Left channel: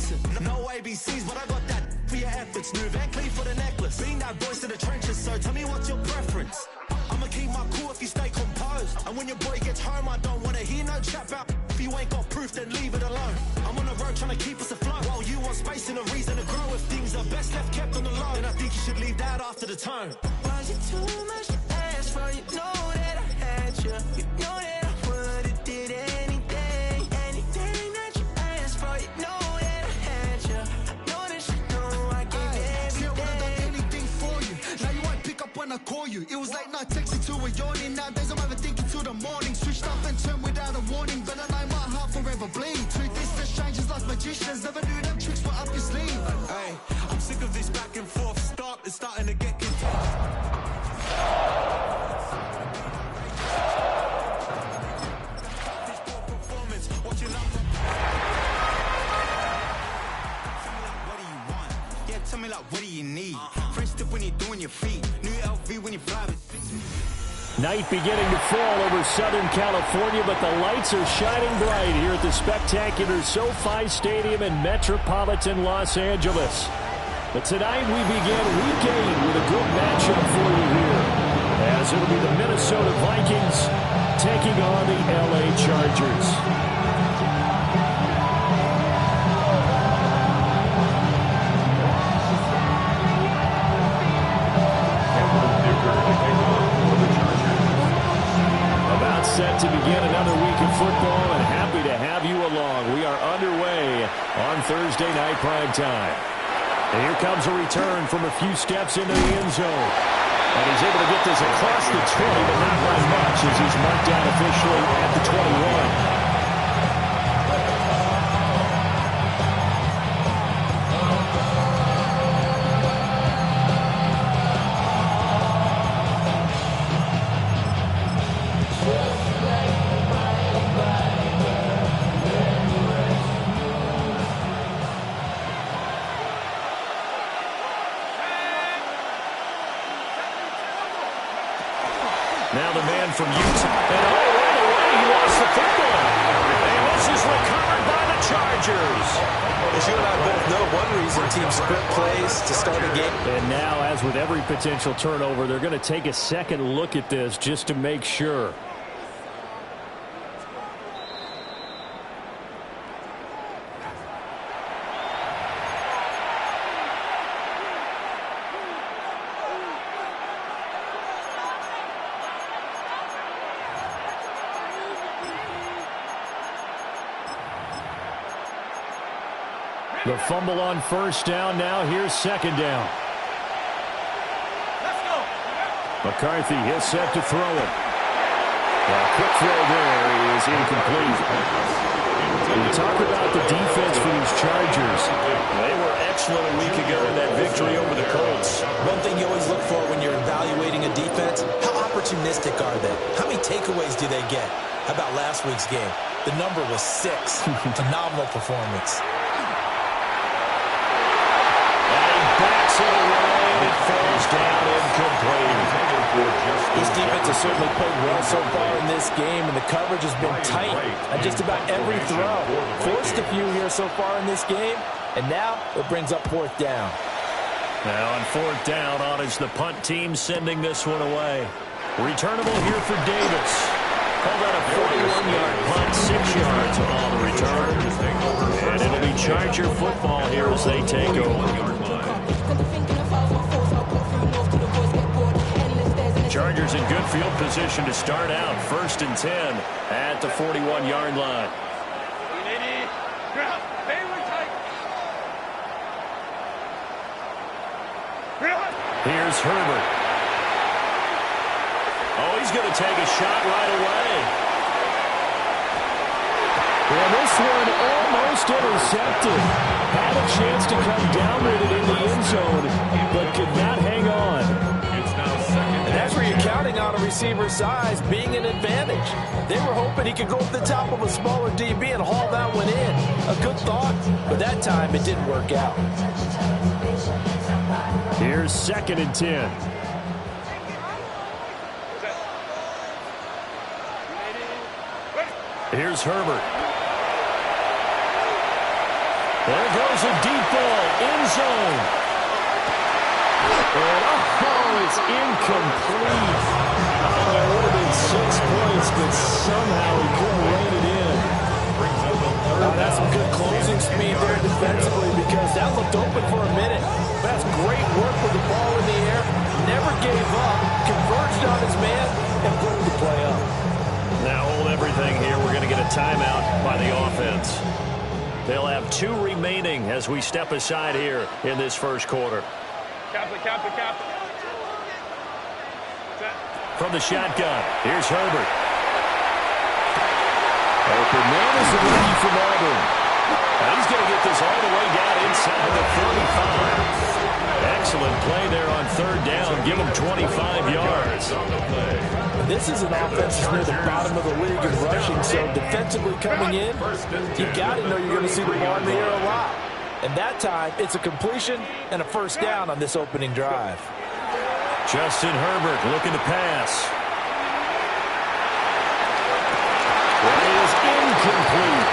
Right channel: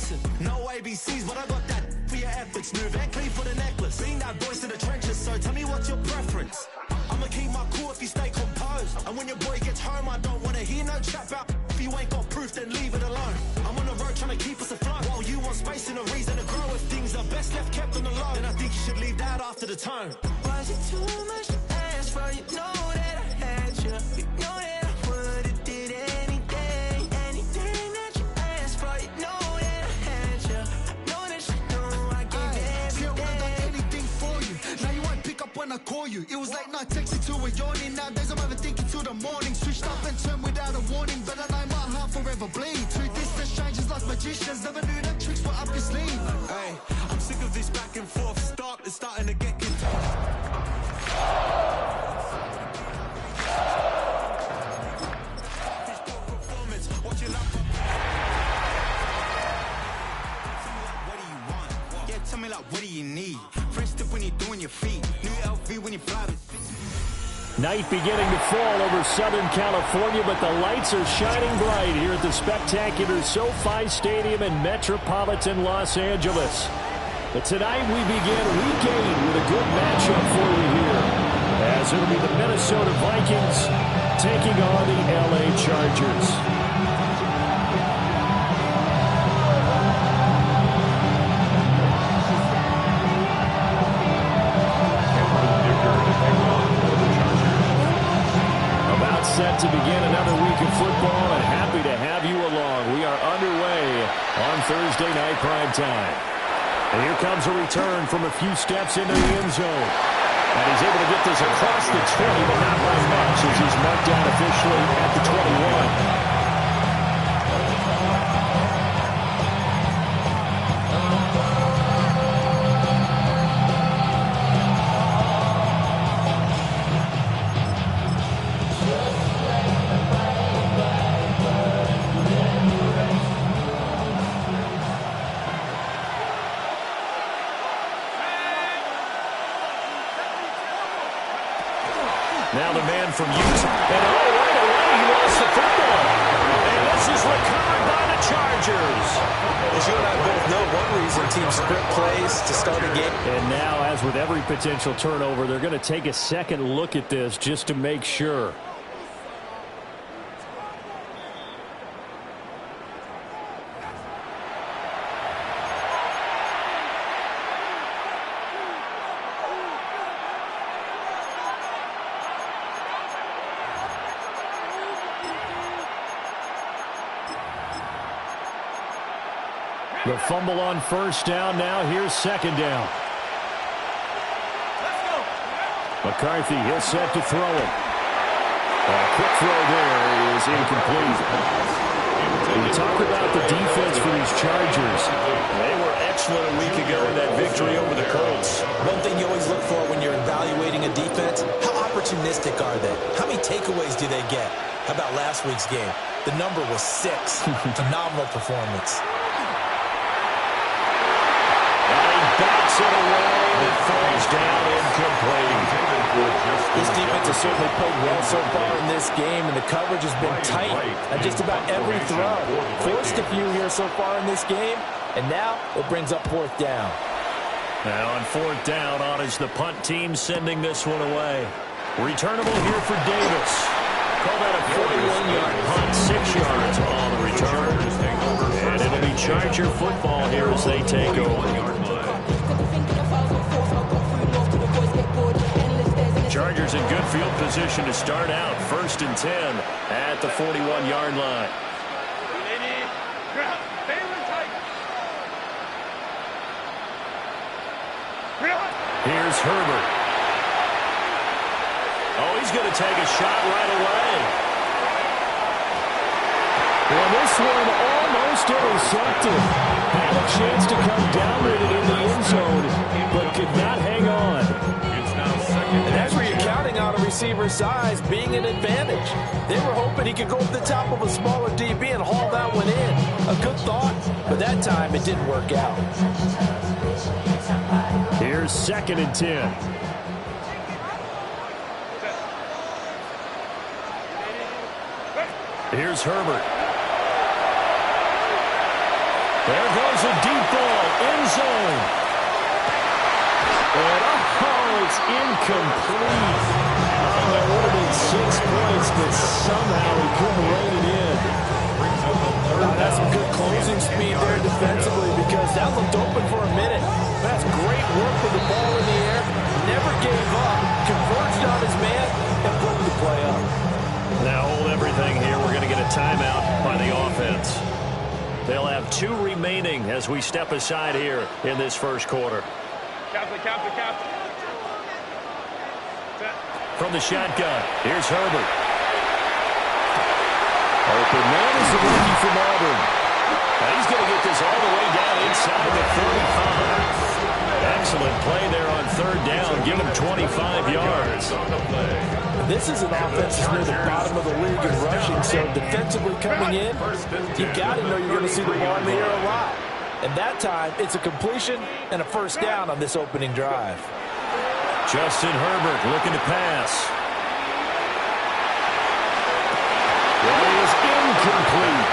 lesson. No ABCs, but I got that for your efforts. New Van Cleef for the necklace. Being that voice in the trenches, so tell me what's your preference. I'ma keep my cool if you stay composed. And when your boy gets home, I don't wanna hear no chat about. If you ain't got proof, then leave it alone. I'm on the road trying to keep us afloat. While you want space and a reason to grow. If things are best left kept on the low, then I think you should leave that after the tone. Was it too much to ask for? You know that I had you. You know that I would've did anything. Anything that you asked for. You know that I had you. I know that you know I gave everything. See, I would've done anything for you. Now you won't pick up when I call you. It was late night texting to a yawning. Nowadays I'm overthinking till the morning. Switched up and turned without a warning. But I know my heart forever bleeds. Truth is that strangers like magicians. Never knew them tricks were up your sleeve. Hey, I'm sick of this back and forth. It's starting to get contagious. Tell me like, what do you need? Fresh tip when you're doing your feet. New LV when you fly with. Night beginning to fall over Southern California, but the lights are shining bright here at the spectacular SoFi Stadium in metropolitan Los Angeles. But tonight we begin week 8 with a good matchup for you here, as it'll be the Minnesota Vikings taking on the LA Chargers. About set to begin another week of football, and happy to have you along. We are underway on Thursday night primetime. And here comes a return from a few steps into the end zone. And he's able to get this across the 20, but not by much, as he's marked down officially at the 21. Now the man from Utah. And right away, he lost the football. And this is recovered by the Chargers. As you and I both know, one reason teams script plays to start a game. And now, as with every potential turnover, they're going to take a second look at this just to make sure. The fumble on first down. Now here's second down. Let's go. McCarthy, he'll set to throw it. A quick throw there is incomplete. We talk about the defense for these Chargers. They were excellent a week ago in that victory over the Colts. One thing you always look for when you're evaluating a defense, how opportunistic are they? How many takeaways do they get? How about last week's game? The number was 6. Phenomenal performance. Backs it away, and it falls down incomplete. This defense has certainly played well so far in this game, and the coverage has been tight on just about every throw. Forced a few here so far in this game, and now it brings up fourth down. Now on fourth down, on is the punt team sending this one away. Returnable here for Davis. Call that a 41-yard punt, 6 yards on the return. And it'll be Charger football here as they take over. Chargers in good field position to start out. 1st and 10 at the 41-yard line. Here's Herbert. Oh, he's going to take a shot right away. And this one almost intercepted. Had a chance to come down with it in the end zone, but could not hang on. And that's where you're counting on a receiver's size being an advantage. They were hoping he could go up the top of a smaller DB and haul that one in. A good thought, but that time it didn't work out. Here's 2nd and 10. Here's Herbert. There goes Here's a deep ball, end zone. And, it's incomplete. Oh, it would have been 6 points, but somehow he couldn't rein it in. That's some good closing speed there defensively because that looked open for a minute. That's great work with the ball in the air. Never gave up, converged on his man, and broke the play up. Now hold everything here. We're going to get a timeout by the offense. They'll have 2 remaining as we step aside here in this first quarter. Captain. From the shotgun, here's Herbert. Open man is the rookie from Auburn. And he's going to get this all the way down inside the 35. Excellent play there on third down. Give him 25 yards. This is an offense that's near the bottom of the league in rushing, so defensively coming in, you've got to know you're going to see the ball in the air a lot. And that time, it's a completion and a first down on this opening drive. Justin Herbert looking to pass. That is incomplete.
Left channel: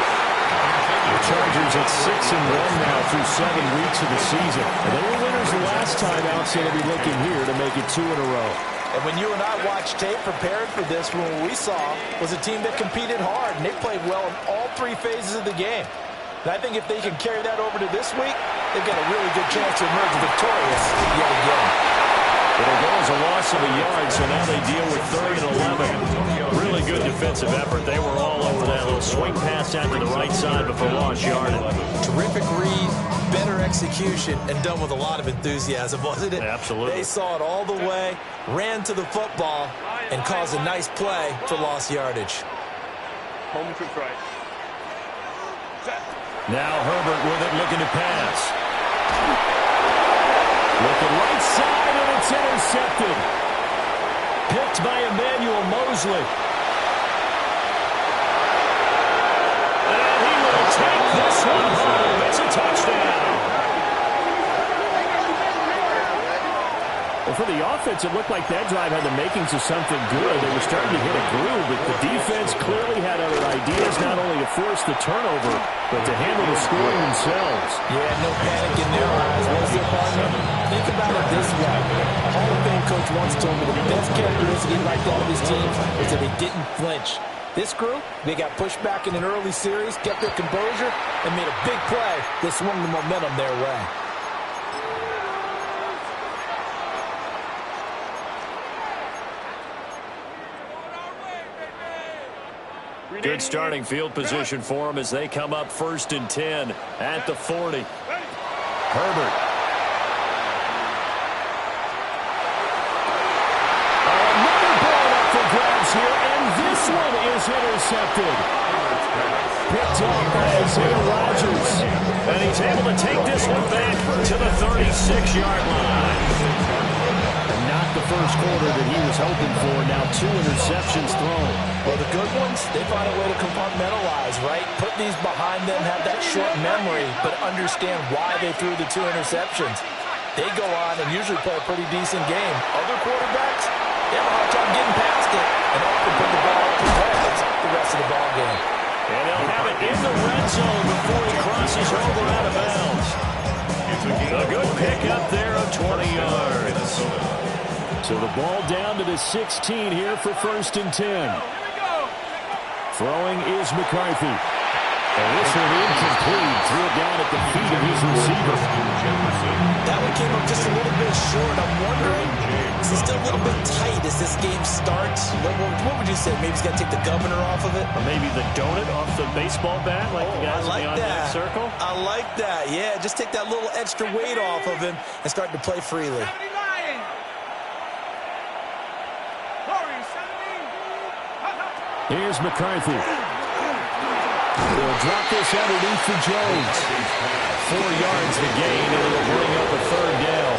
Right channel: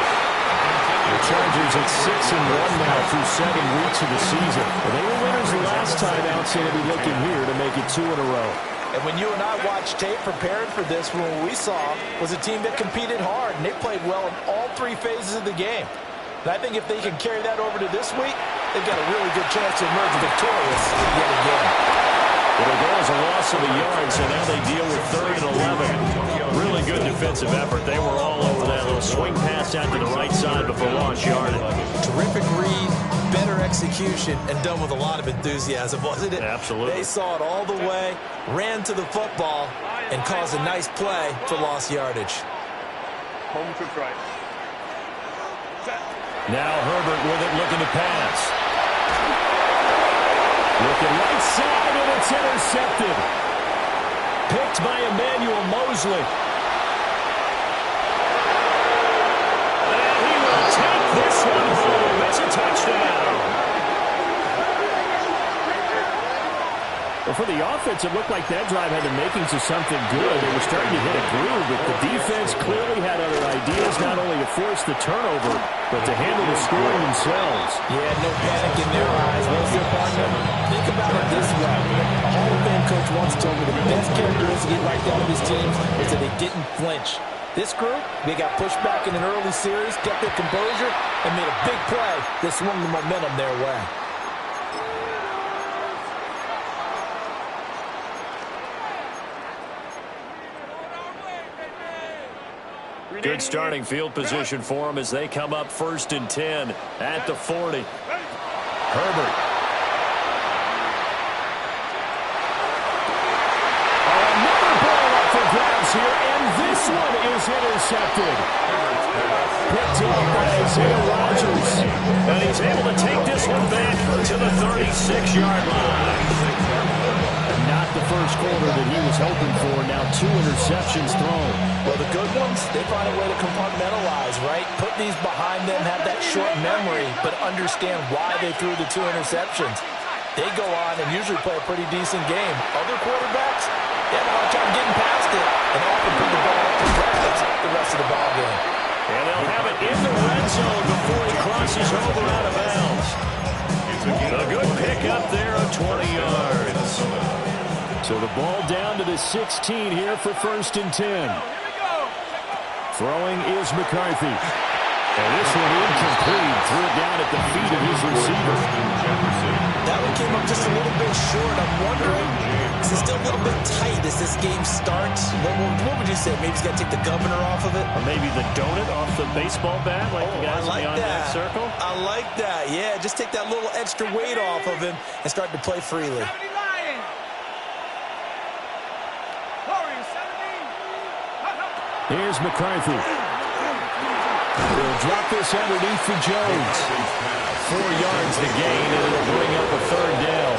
The Chargers at 6-1 now through 7 weeks of the season. And they were winners the last time out, so they'll be looking here to make it 2 in a row. And when you and I watched tape preparing for this, what we saw was a team that competed hard, and they played well in all 3 phases of the game. And I think if they can carry that over to this week, they've got a really good chance to emerge victorious yet again. It'll go as a loss of a yard, so now they deal with 3rd and 11. Really good defensive effort. They were all over that little swing pass out to the right side before lost yardage. Terrific read, better execution, and done with a lot of enthusiasm, wasn't it? Absolutely. They saw it all the way, ran to the football, and caused a nice play for lost yardage. Home trips right. Now Herbert with it, looking to pass. Looking right side, and it's intercepted. Picked by Emmanuel Mosley. And he will take this one home. It's a touchdown. Well, for the offense, it looked like that drive had the makings of something good. They were starting to hit a groove, but the defense clearly had other ideas, not only to force the turnover, but to handle the scoring themselves. Yeah, no panic in their eyes. What was their partner? Think about it this way. A Hall of Fame coach once told me the best characteristic he liked out of his teams is that they didn't flinch. This group, they got pushed back in an early series, kept their composure, and made a big play that swung the momentum their way. Good starting field position for them as they come up 1st and 10 at the 40. Herbert. Another ball up for grabs here, and this one is intercepted. Picked off by Isaiah Rodgers. And he's able to take this one back to the 36-yard line. Not the first quarter that he was hoping for. Now 2 interceptions thrown. Well, the good ones, they find a way to compartmentalize, right? Put these behind them, have that short memory, but understand why they threw the 2 interceptions. They go on and usually play a pretty decent game. Other quarterbacks, they have a hard time getting past it and often put the ball up for grabs the rest of the ball game. And they'll have it in the red zone before he crosses over out of bounds. A good pick up there of 20 yards. So the ball down to the 16 here for 1st and 10. Throwing is McCarthy. And this one incomplete. Threw it down at the feet of his receiver. That one came up just a little bit short. I'm wondering, is he still a little bit tight as this game starts? What would you say? Maybe he's got to take the governor off of it? Or maybe the donut off the baseball bat, like the guys beyond that circle? I like that. Yeah, just take that little extra weight off of him and start to play freely. Here's McCarthy. They'll drop this underneath for Jones. 4 yards the gain, and it'll bring up a 3rd down.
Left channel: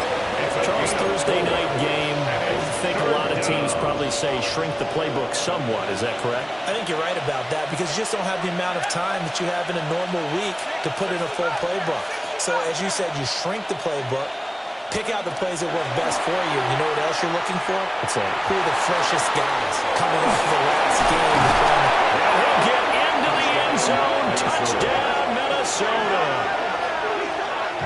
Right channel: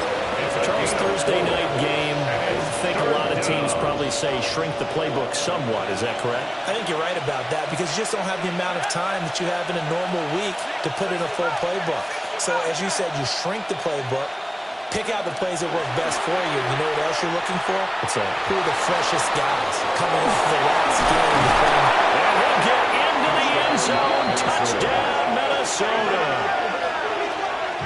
Charles, Thursday night game. I think a lot of teams probably say shrink the playbook somewhat. Is that correct? I think you're right about that because you just don't have the amount of time that you have in a normal week to put in a full playbook. So, as you said, you shrink the playbook. Pick out the plays that work best for you. You know what else you're looking for? What's that? Who are the freshest guys coming off the last game? And he'll get into the end zone. Touchdown, Minnesota.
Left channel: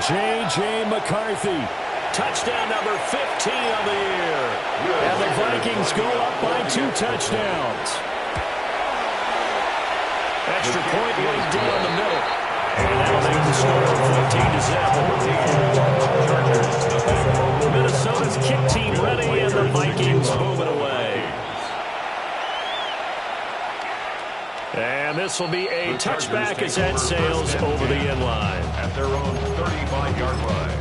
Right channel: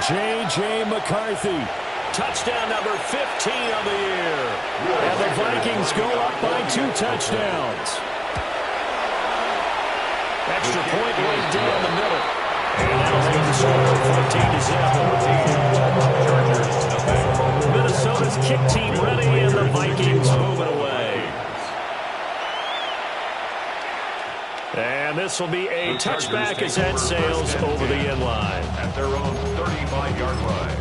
J.J. McCarthy. Touchdown number 15 on the year. And the Vikings go up by 2 touchdowns. Extra point right down the middle. And that'll make the score 14-0. Minnesota's kick team ready, and the Vikings moving away. And this will be a touchback as that sails over the end line. At their own 35-yard line.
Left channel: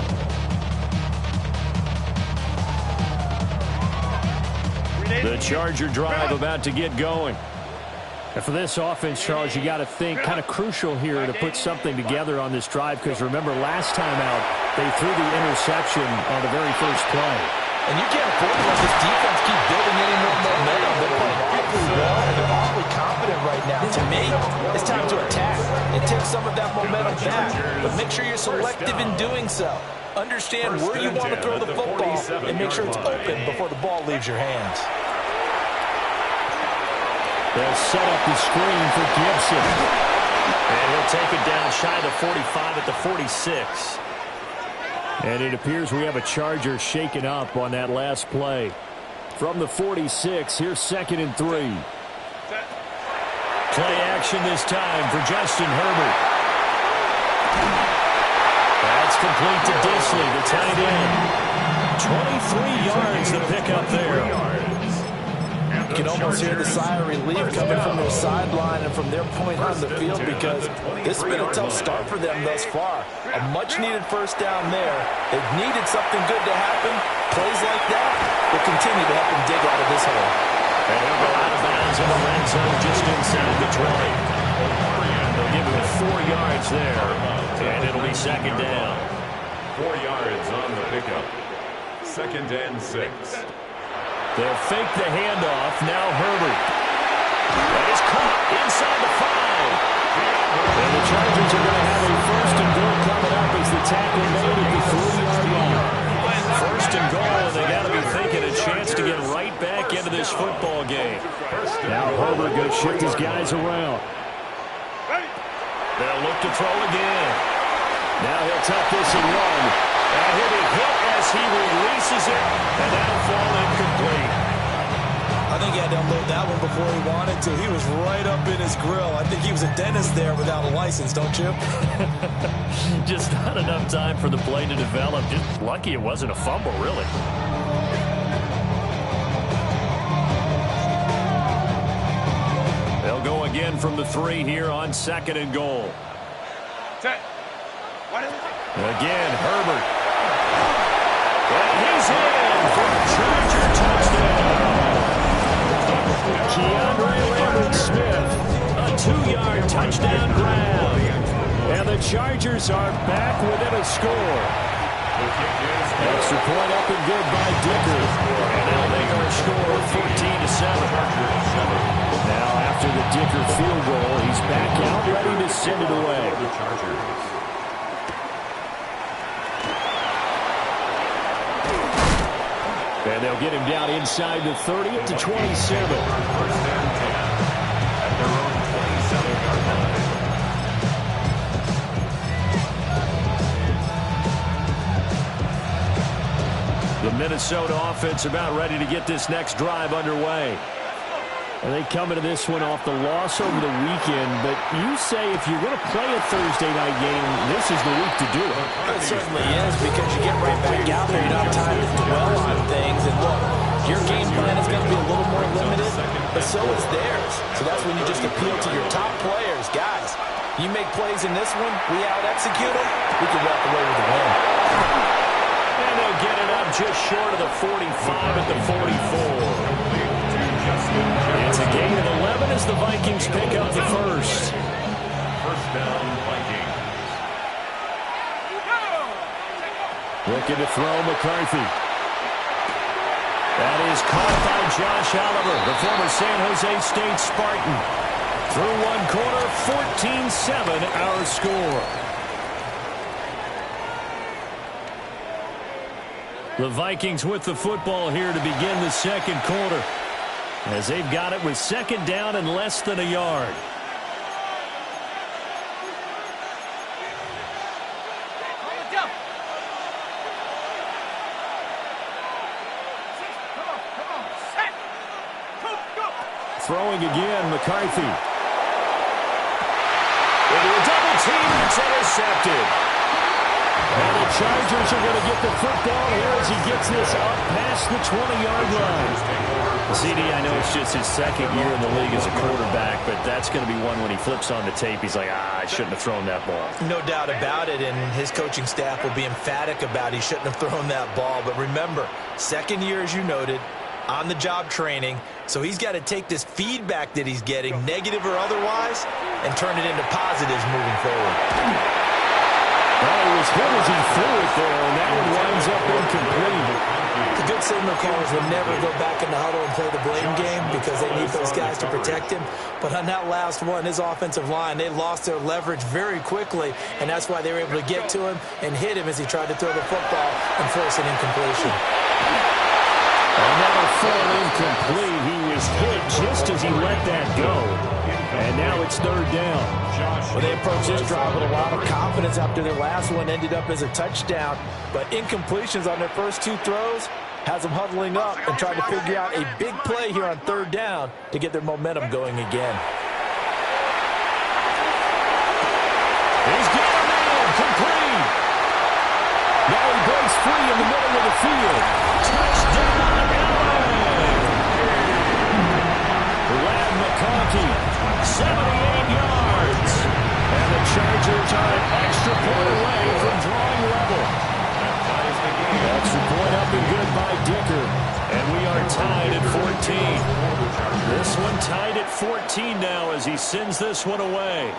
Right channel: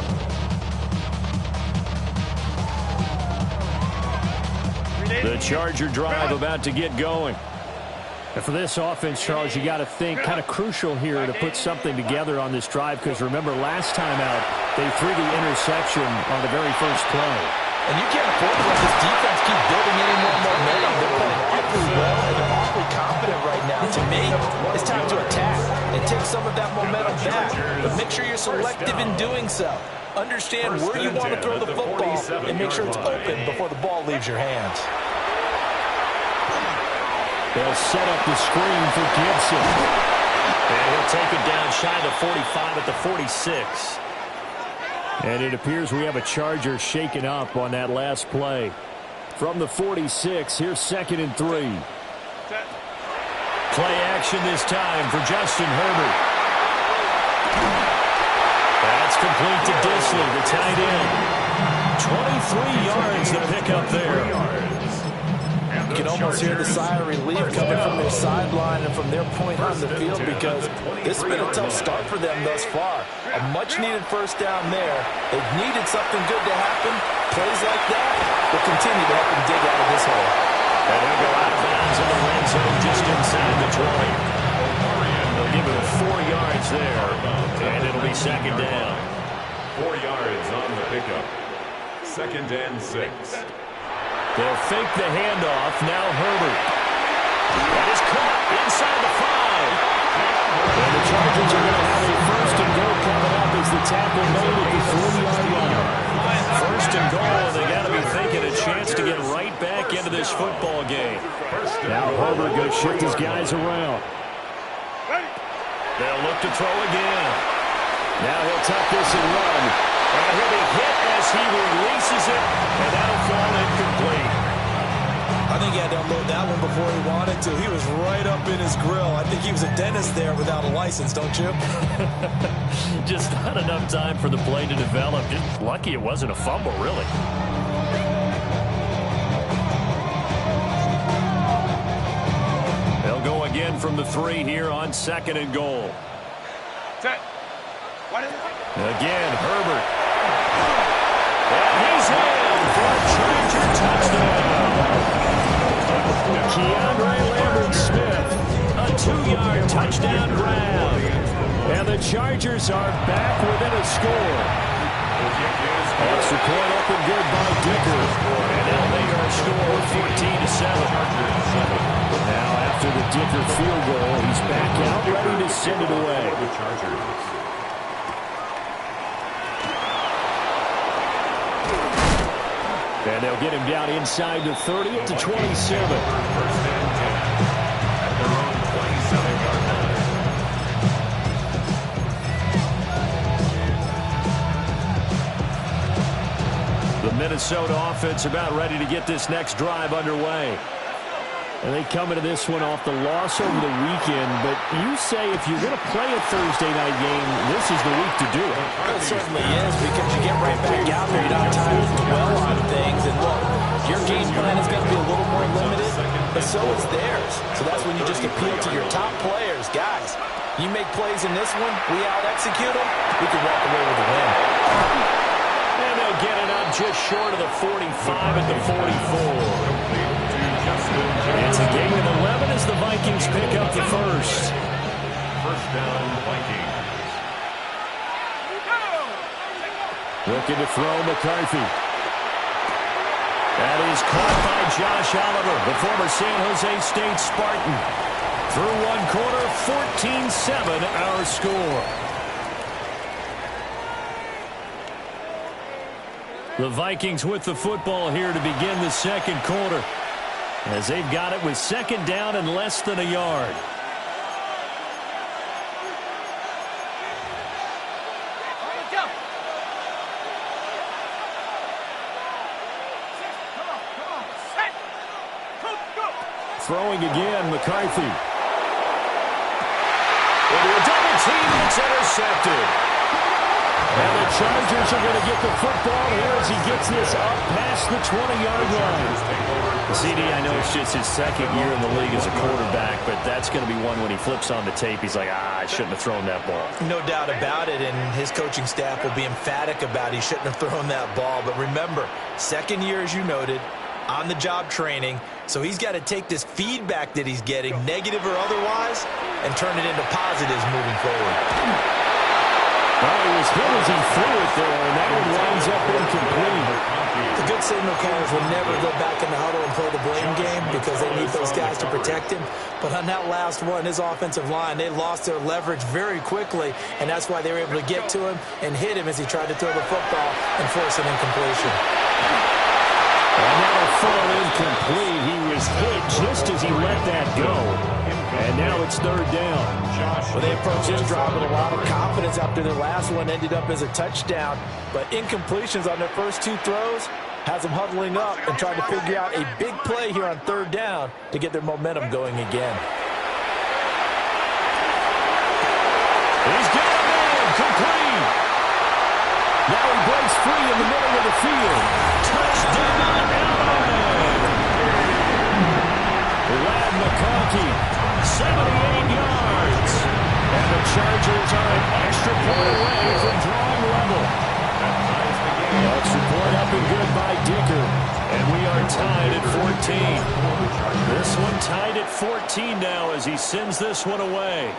The Charger drive about to get going. And for this offense, Charles, you got to think kind of crucial here to put something together on this drive, because remember last time out they threw the interception on the very first play. And you can't afford to let this defense keep building any more momentum. They're playing awfully well, and they're awfully confident right now. To me, it's time to attack and take some of that momentum back. But make sure you're selective in doing so. Understand where you want to throw the football and make sure it's open before the ball leaves your hands. They'll set up the screen for Gibson. And he'll take it down shy of the 45 at the 46. And it appears we have a Charger shaken up on that last play. From the 46, here's 2nd and 3. Play action this time for Justin Herbert. That's complete to Disley, the tight end. 23 yards to pick up there. You can almost hear the sigh of relief coming from their sideline and from their point on the field, because this has been a tough start for them thus far. A much-needed first down there. They've needed something good to happen. Plays like that will continue to help them dig out of this hole. And he'll go out of bounds in the red zone just inside the 20. They'll give him 4 yards there, and it'll be 2nd down. 4 yards on the pickup. 2nd and 6. They'll fake the handoff. Now Herbert. That is caught inside the 5. And the Chargers are going to have a 1st and goal coming up as the tackle made at the 3-yard line. 1st and goal, and they got to be thinking a chance to get right back into this football game. Now Herbert going to shift his guys around. They'll look to throw again. Now he'll tuck this and run. And he'll be hit as he releases it, and that'll fall incomplete. I think he had to unload that one before he wanted to. He was right up in his grill. I think he was a dentist there without a license, don't you? Just not enough time for the play to develop. Just lucky it wasn't a fumble, really. They'll go again from the 3 here on 2nd and goal. Again, Herbert. And he's in for a Charger touchdown. Keandre Lambert-Smith, a 2-yard touchdown grab. And the Chargers are back within a score. Extra point up and good by Dicker. And that'll make our score 14-7. Now after the Dicker field goal, he's back out ready to send it away. And they'll get him down inside the 30 at the 27. 1st and 10 at their own 27-yard line. The Minnesota offense about ready to get this next drive underway. And they come into this one off the loss over the weekend. But you say if you're going to play a Thursday night game, this is the week to do it. It certainly is, because you get right back out there. You don't have time to dwell on things. And look, your game plan is going to be a little more limited, but so is theirs. So that's when you just appeal to your top players. Guys, you make plays in this one, we out-execute them, we can walk away with a win. And they'll get it up just short of the 45 at the 44. It's a gain of 11 as the Vikings pick up the 1st. 1st down, Vikings. Looking to throw McCarthy. That is caught by Josh Oliver, the former San Jose State Spartan. Through 1 quarter, 14-7 our score. The Vikings with the football here to begin the 2nd quarter, as they've got it with 2nd down and less than a yard. Throwing again, McCarthy. Into a double team, and it's intercepted. And the Chargers are going to get the football here as he gets this up past the 20-yard line. CD, I know it's just his second year in the league as a quarterback, but that's going to be one when he flips on the tape, he's like, I shouldn't have thrown that ball. No doubt about it, and his coaching staff will be emphatic about he shouldn't have thrown that ball. But remember, second year, as you noted, on-the-job training, so he's got to take this feedback that he's getting, negative or otherwise, and turn it into positives moving forward. Well, he was hit as he threw it there, and that one winds up incomplete. The good signal callers will never go back in the huddle and play the blame game because they need those guys to protect him. But on that last one, his offensive line, they lost their leverage very quickly, and that's why they were able to get to him and hit him as he tried to throw the football and force an incompletion. And that'll fall incomplete. He was hit just as he let that go. And now it's third down. Well, they approached this drive with a lot of confidence after their last one ended up as a touchdown. But incompletions on their first two throws has them huddling up and trying to figure out a big play here on third down to get their momentum going again. He's got a man complete. Now he breaks free in the middle of the field. Touchdown, Lad McConkey. 78 yards. And the Chargers are an extra point away from drawing level. That ties the game. Extra point up and good by Dicker. And we are tied at 14. This one tied at 14 now as he sends this one away.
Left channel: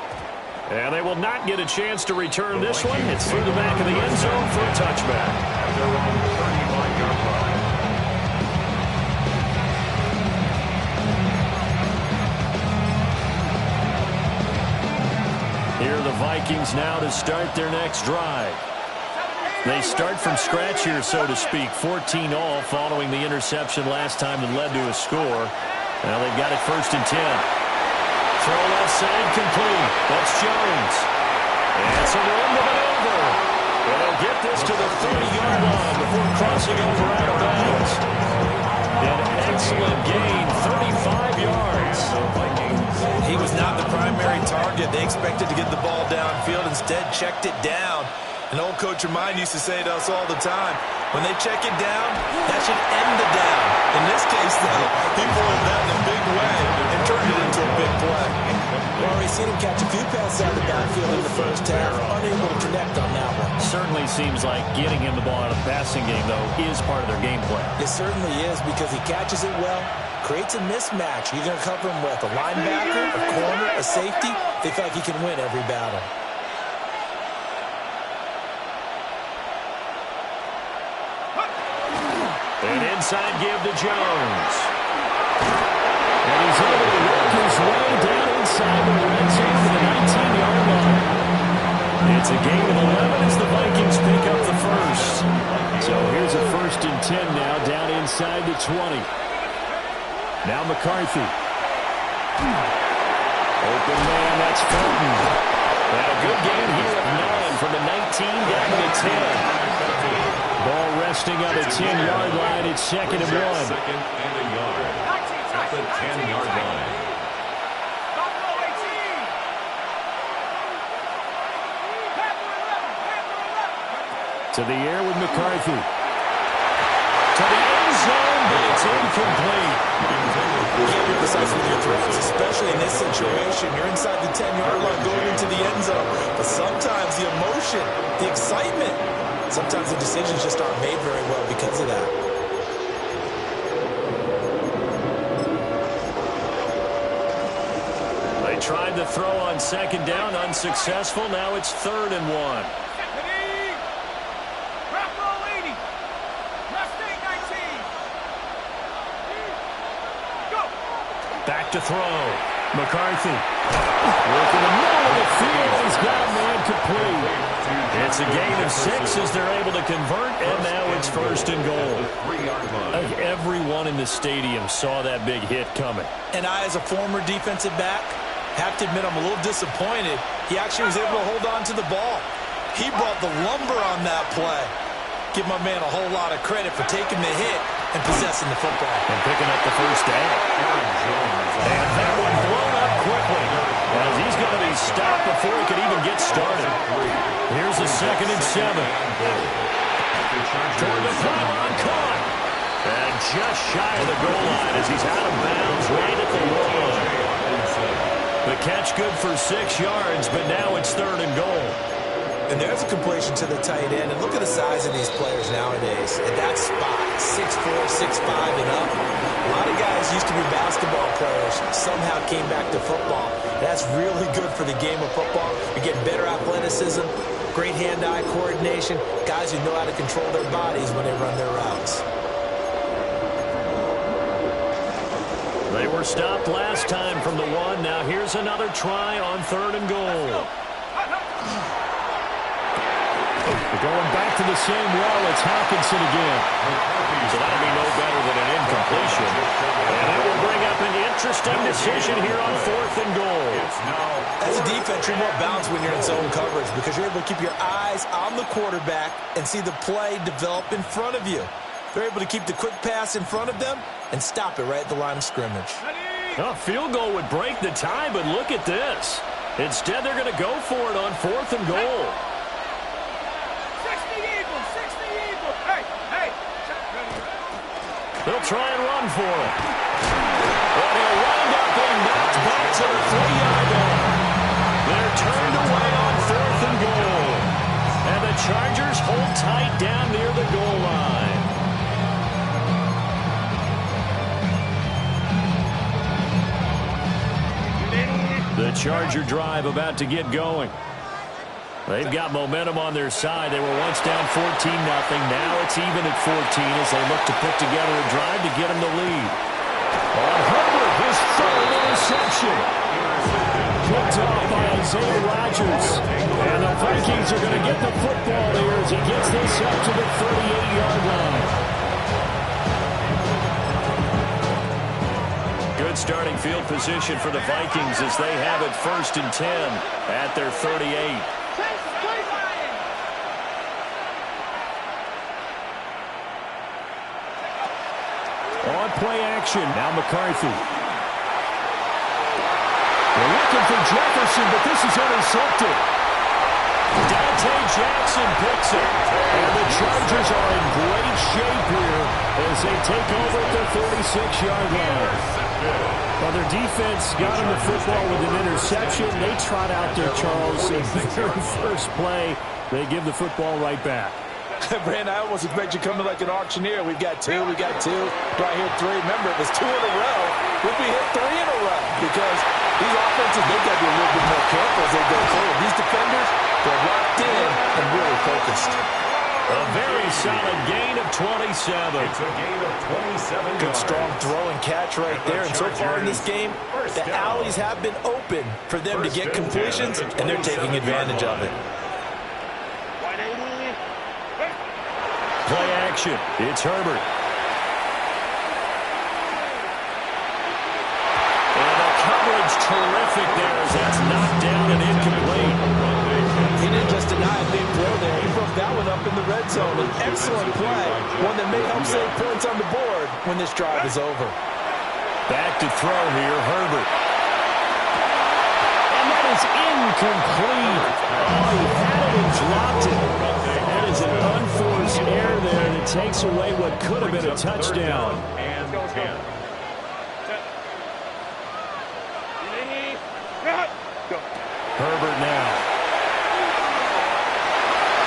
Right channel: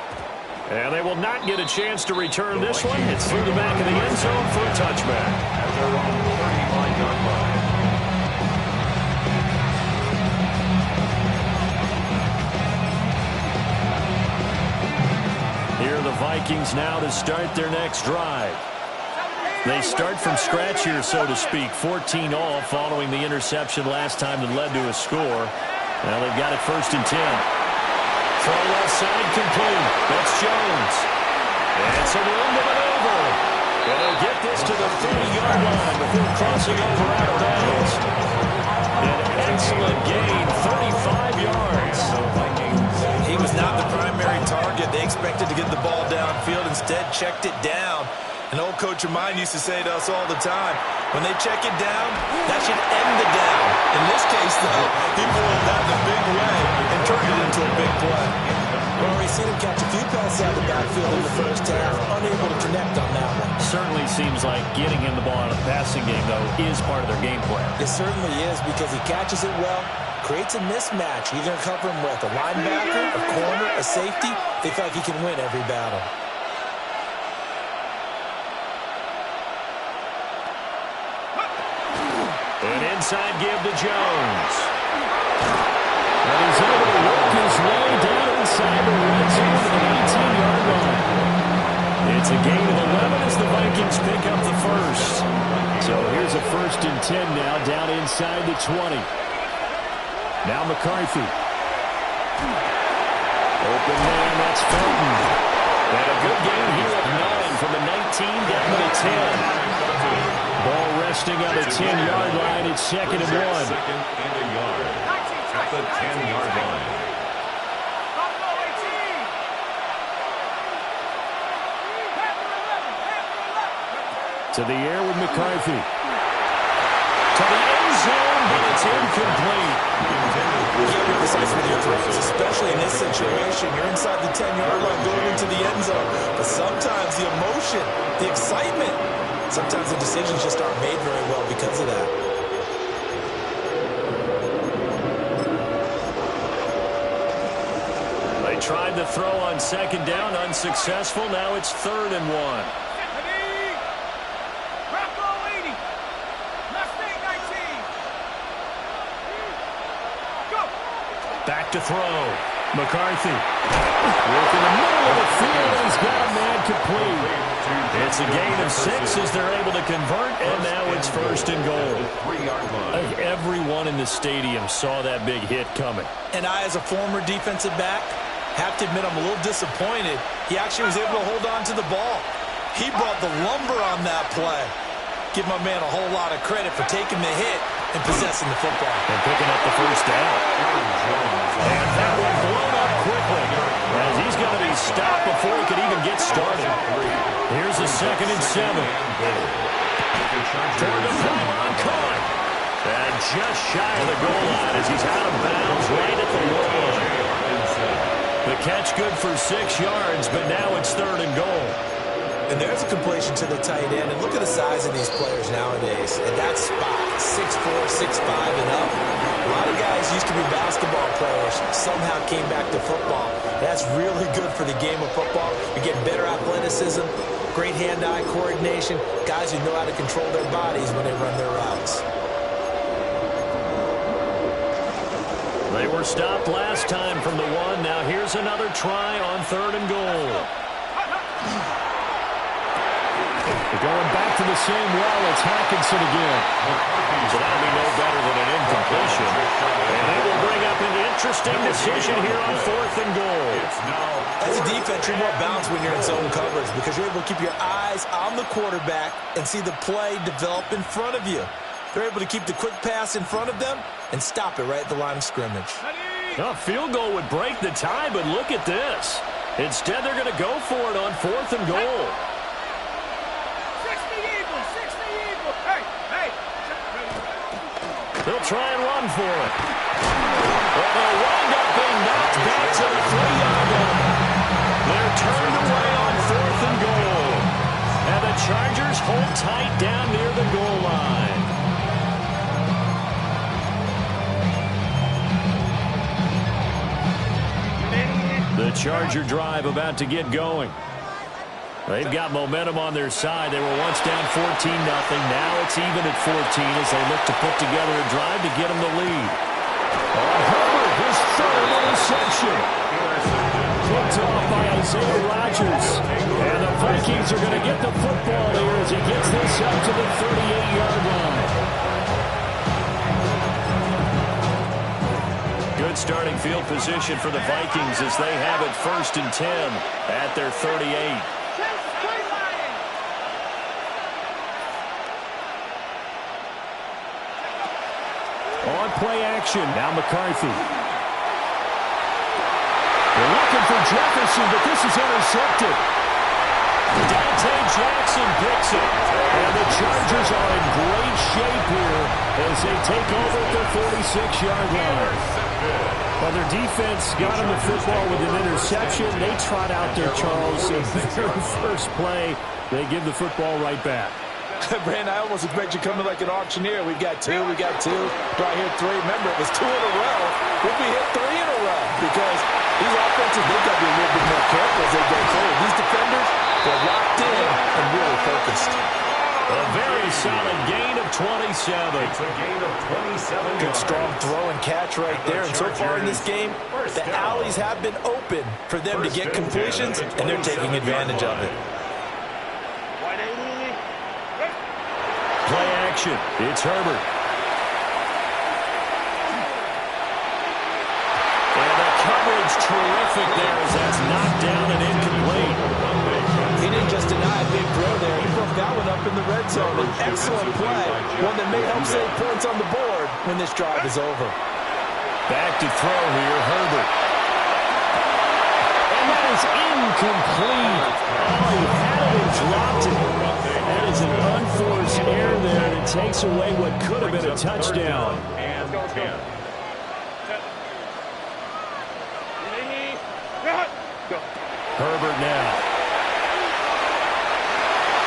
And they will not get a chance to return this one. It's through the back of the end zone for a touchback. At their own 35-yard line. Here are the Vikings now to start their next drive. They start from scratch here, so to speak. 14-all following the interception last time that led to a score. Now they've got it 1st and 10. Throw left side complete. That's Jones. And some room to maneuver. And they'll get this to the 30-yard line before crossing over out of bounds. An excellent gain, 35 yards. He was not the primary target. They expected to get the ball downfield. Instead, checked it down. An old coach of mine used to say to us all the time, when they check it down, that should end the down. In this case, though, he boiled that in a big way and turned it into a big play. We've already seen him catch a few passes out of the backfield in the first half, unable to connect on that one. Certainly seems like getting him the ball out of the passing game, though, is part of their game plan. It certainly is because he catches it well, creates a mismatch. You're going to cover him with a linebacker, a corner, a safety. They feel like he can win every battle. An inside give to Jones. And he's able to work his way down inside the red zone to the 19-yard line. It's a gain of 11 as the Vikings pick up the first. So here's a 1st and 10 now down inside the 20. Now McCarthy. Open man, that's Felton. And a good gain here of 9 from the 19 down to the 10. Ball resting on the 10-yard line. It's 2nd and 1. 2nd and a yard. At the 10-yard line. To the air with McCarthy. To the end zone, but it's incomplete. You can't be precise with your throws, especially in this situation. You're inside the 10-yard line going into the end zone. But sometimes the emotion, the excitement, sometimes the decisions just aren't made very well because of that. They tried to throw on 2nd down, unsuccessful. Now it's 3rd and 1. Back to throw. McCarthy. Work in the middle of the field, and he's got a man complete. It's a gain of 6 as they're able to convert, and now it's 1st and goal. I think everyone in the stadium saw that big hit coming. And I, as a former defensive back, have to admit I'm a little disappointed. He actually was able to hold on to the ball. He brought the lumber on that play. Give my man a whole lot of credit for taking the hit and possessing the football. And picking up the first down. And that one blown up quickly, as he's going to be stopped before he could even get started. Here's a 2nd and 7. Toward the pylon, caught. And just shy of the goal line as he's out of bounds right at the line. The catch good for 6 yards, but now it's 3rd and goal. And there's a completion to the tight end. And look at the size of these players nowadays. At that spot, 6'4", 6'5", and up. A lot of guys used to be basketball players, somehow came back to football. That's really good for the game of football. You're getting better athleticism, great hand-eye coordination, guys who know how to control their bodies when they run their routes. They were stopped last time from the 1. Now here's another try on 3rd and goal. They're going back to the same well. It's Hockenson again. So that'll be no better than an incompletion. And that will bring up an interesting decision here on 4th and goal. As a defense, you're more balanced when you're in zone coverage because you're able to keep your eyes on the quarterback and see the play develop in front of you. They're able to keep the quick pass in front of them and stop it right at the line of scrimmage. A field goal would break the tie, but look at this. Instead, they're going to go for it on 4th and goal. 60 Eagles, 60 Eagles. Hey, hey. They'll try and run for it. And he'll wind up being knocked back to the 3-yard line. They're turned away on 4th and goal. And the Chargers hold tight down near the goal line. The Charger drive about to get going. They've got momentum on their side. They were once down 14-0. Now it's even at 14 as they look to put together a drive to get them the lead. On Herbert, his 3rd interception. Picked off by Isaiah Rodgers. And the Vikings are going to get the football here as he gets this up to the 38-yard line. Good starting field position for the Vikings as they have it 1st and 10 at their 38. On play action, now McCarthy. They're looking for Jefferson, but this is intercepted. Dante Jackson picks it. And the Chargers are in great shape here as they take over at their 46-yard line. Well, their defense got them the football with an interception. They trot out there, Charles, in the very first play. They give the football right back. Brand, I almost expect you coming like an auctioneer. We've got 2, we got 2. Do I hear 3? Remember, it was 2 in a row. We'll be hit 3 in a row because these offenses, they've got to be a little bit more careful as they go forward. These defenders, they're locked in and really focused. A very solid gain of 27. It's a gain of 27 Good yards. strong throw and catch right there. And so far in this game, the alleys have been open for them to get completions, and they're taking advantage of it. Play action. It's Herbert. And the coverage terrific there as that's knocked down and incomplete. He didn't just deny a big throw there. He broke that one up in the red zone. An excellent play. One that may help save points on the board when this drive is over. Back to throw here, Herbert. And that is incomplete. Oh, he had it and dropped it. That is an unforced error there that takes away what could have been a touchdown. And 10. Herbert now.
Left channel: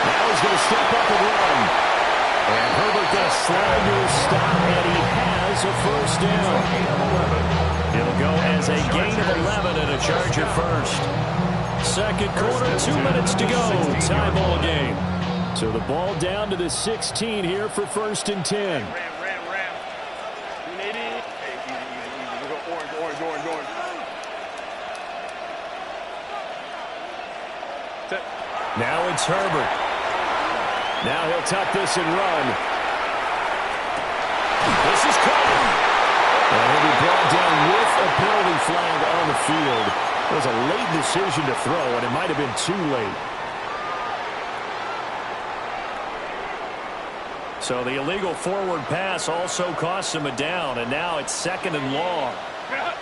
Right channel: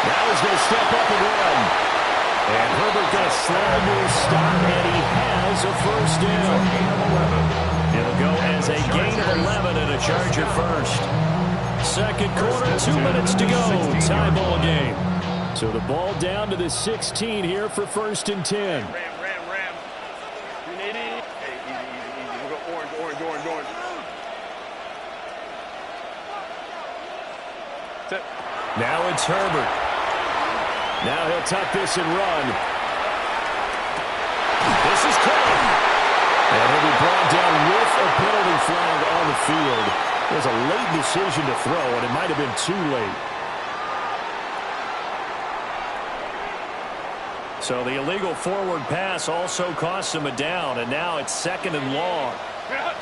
Now he's going to step up and run. And Herbert going to slide to a stop, and he has a first down. It'll go as a gain of 11 and a Charger first. Second quarter, 2 minutes to go. Tie ball game. So the ball down to the 16 here for 1st and 10. Ram. 380. Hey, easy. We'll go orange. Set. Now it's Herbert. Now he'll tuck this and run. This is caught. And he'll be brought down with a penalty flag on the field. It was a late decision to throw, and it might have been too late. So the illegal forward pass also costs him a down, and now it's 2nd and long. Let's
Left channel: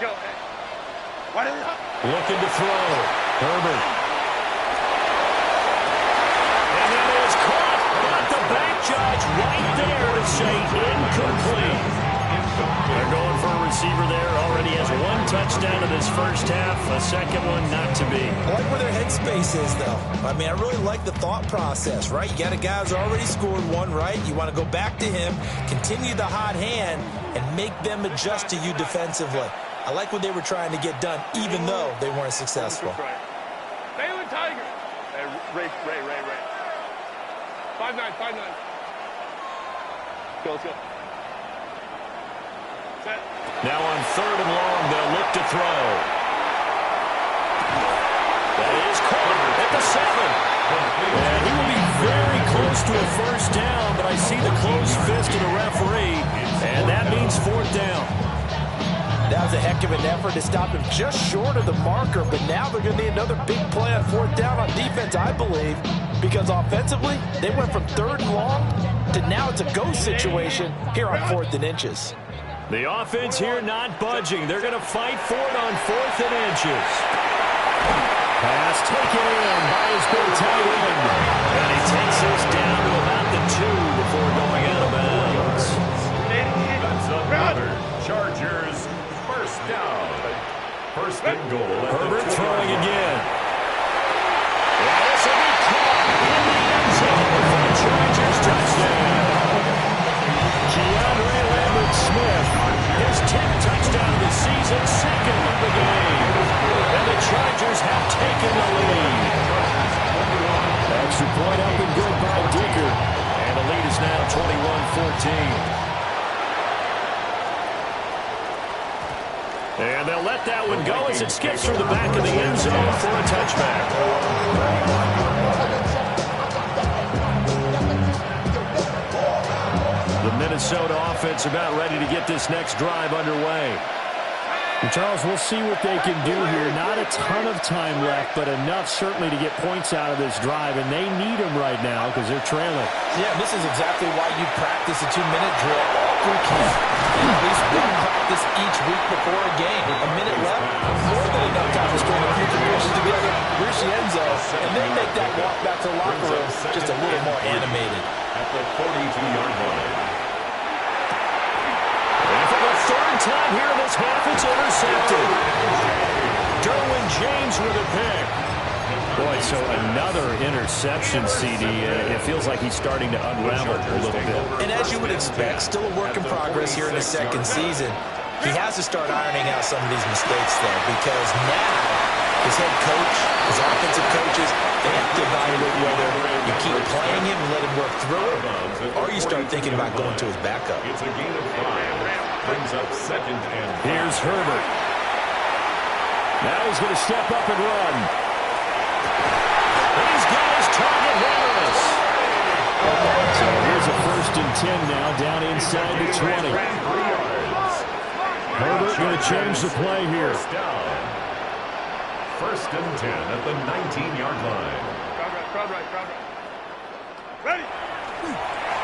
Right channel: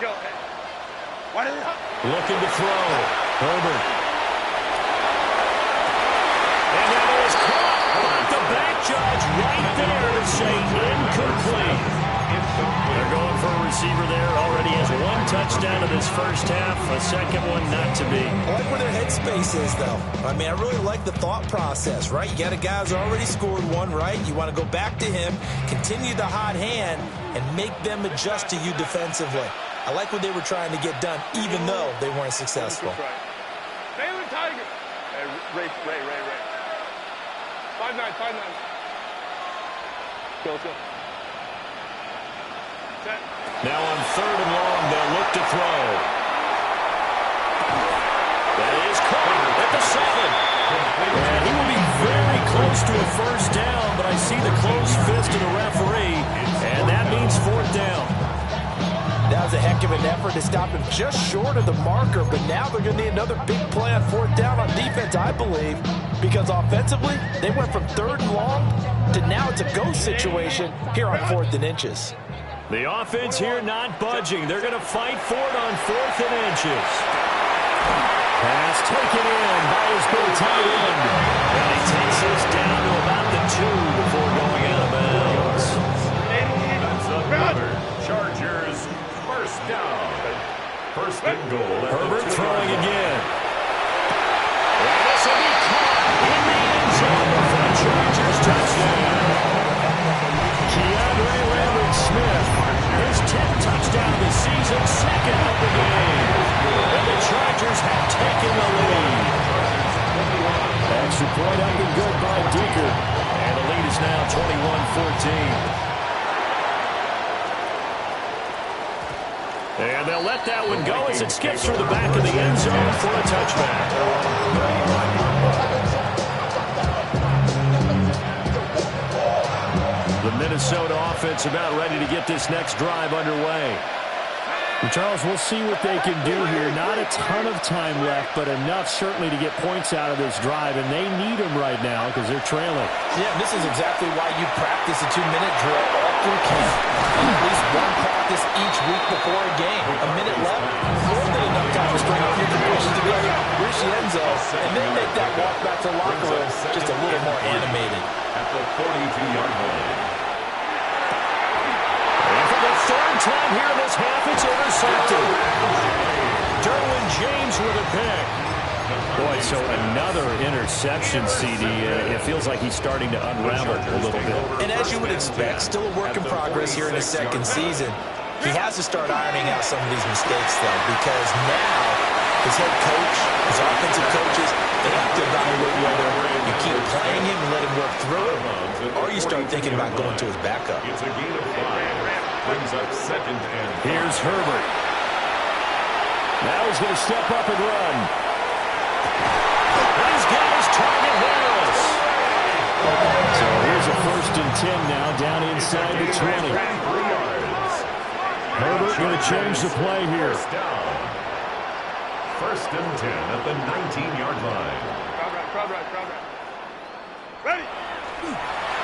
go. Looking to throw. Herbert. And that is caught, but the back judge right there to say incomplete. They're going for a receiver there. Already has 1 touchdown in this first half. A second one not to be. I like where their headspace is, though. I mean, I really like the thought process, right? You got a guy who's already scored 1, right? You want to go back to him, continue the hot hand, and make them adjust to you defensively. I like what they were trying to get done, even though they weren't successful. Baylor Tiger. Hey, Ray. 5'9". Let's go. Set. Now on 3rd and long, they'll look to throw. That is caught at the 7. And he will be very close to a first down, but I see the closed fist of the referee, and that means 4th down. That was a heck of an effort to stop him just short of the marker, but now they're going to need another big play on 4th down on defense, I believe, because offensively, they went from 3rd and long to now it's a go situation here on 4th and inches. The offense here not budging. They're going to fight for it on 4th and inches. Pass taken in by his big tight end. And he takes this down to about the 2 before going out of bounds. That's another Chargers first down. 1st and goal. Herbert throwing again. And this will be caught in the end zone for a Chargers touchdown. Keandre Lambert-Smith, his 10th touchdown of the season, 2nd of the game. And the Chargers have taken the lead. Extra point up and good by Dicker. And the lead is now 21-14. And they'll let that one go as it skips through the back of the end zone for a touchback. The Minnesota offense about ready to get this next drive underway. And Charles, we'll see what they can do here. Not a ton of time left, but enough certainly to get points out of this drive, and they need them right now because they're trailing. Yeah, this is exactly why you practice a 2-minute drill all through camp. And at least 1 practice each week before a game. A minute left, more than enough time to string a few completions together, reach the end zone, and then make that walk back to the locker room just a little more animated. At the 42-yard line. And for the 3rd time here in this half, it's intercepted. Derwin James with a pick. Boy, so another interception, CD. It feels like he's starting to unravel a little bit. And as you would expect, still a work in progress here in his 2nd season. He has to start ironing out some of these mistakes, though, because now his head coach, his offensive coaches, they have to evaluate whether you keep playing him and let him work through it, or you start thinking about going to his backup. It's a gain of 5. Brings up 2nd and 5. Here's Herbert. Now he's going to step up and run. And he's got his target, Harris. So here's a 1st and 10 now, down inside the 20. Herbert going to change the play here. 1st and 10 at the 19-yard line. Crowd right. Ready.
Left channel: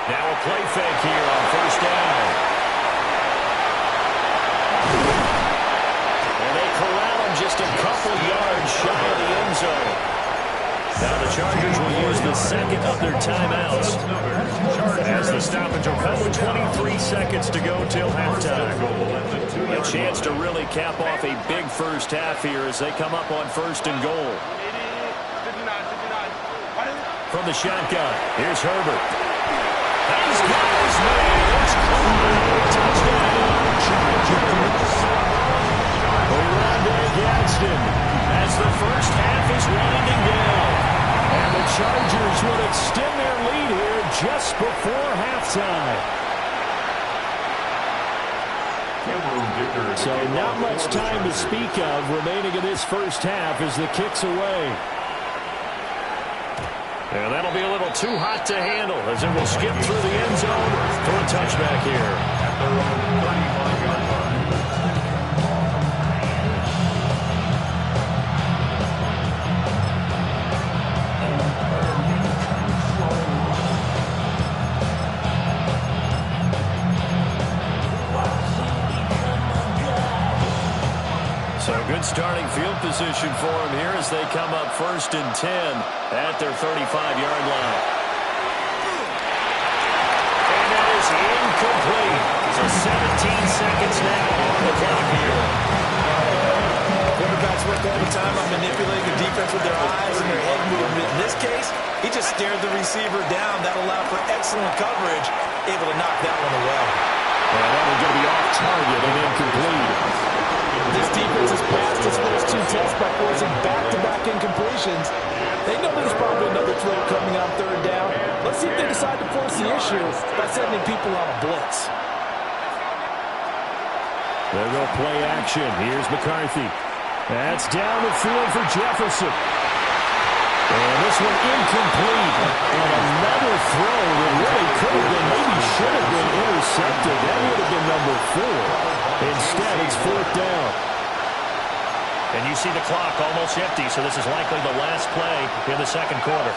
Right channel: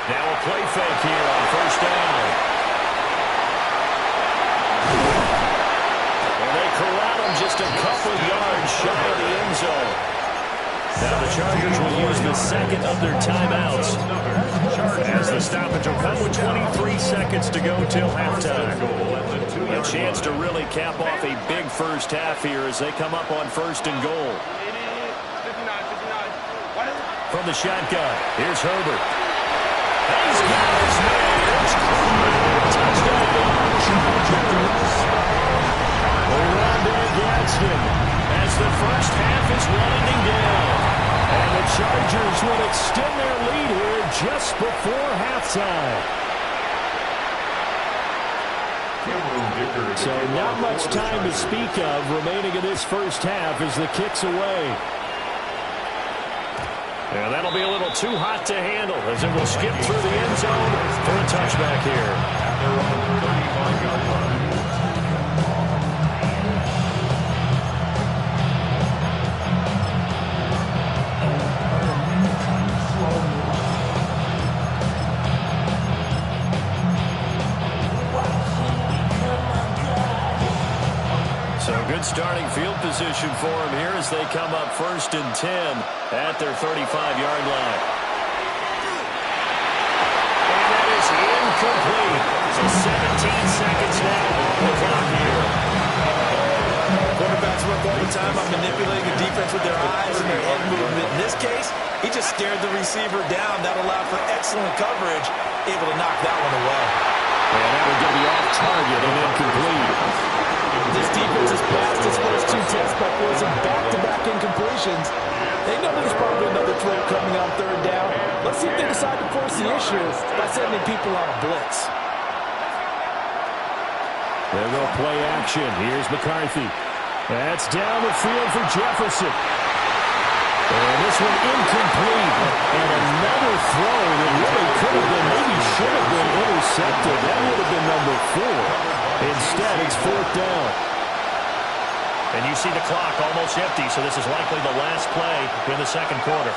Now a play fake here on 1st down. And they corral him just a couple yards shy of the end zone. Now the Chargers will use the 2nd of their timeouts as the stoppage will come with 23 seconds to go till halftime. A chance to really cap off a big first half here as they come up on 1st and goal. 59. From the shotgun, here's Herbert. And he's got his man. It's caught. Touchdown, Chargers. Rondé Gadsden as the first half is winding down. And the Chargers will extend their lead here just before halftime. So not much time to speak of remaining in this first half as the kick's away. And that'll be a little too hot to handle as it will skip through the end zone for a touchback here. At their own 35-yard line. A good starting field position for them here as they come up 1st and 10 at their 35-yard line. And that is incomplete. So 17 seconds now on the clock here. Quarterbacks work all the time on manipulating the defense with their eyes and their head movement. In this case, he just stared the receiver down. That allowed for excellent coverage, able to knock that one away. And that one's going to be off target and incomplete. This defense has passed its first 2 tests by forcing back-to-back incompletions. They know there's probably another throw coming on 3rd down. Let's see if they decide to force the issue by sending people on a blitz. They'll go play action. Here's McCarthy. That's down the field for Jefferson. And this one incomplete. And another throw that really could have been, maybe should have been intercepted. That would have been number 4. Instead, it's 4th down. And you see the clock almost empty, so this is likely the last play in the 2nd quarter.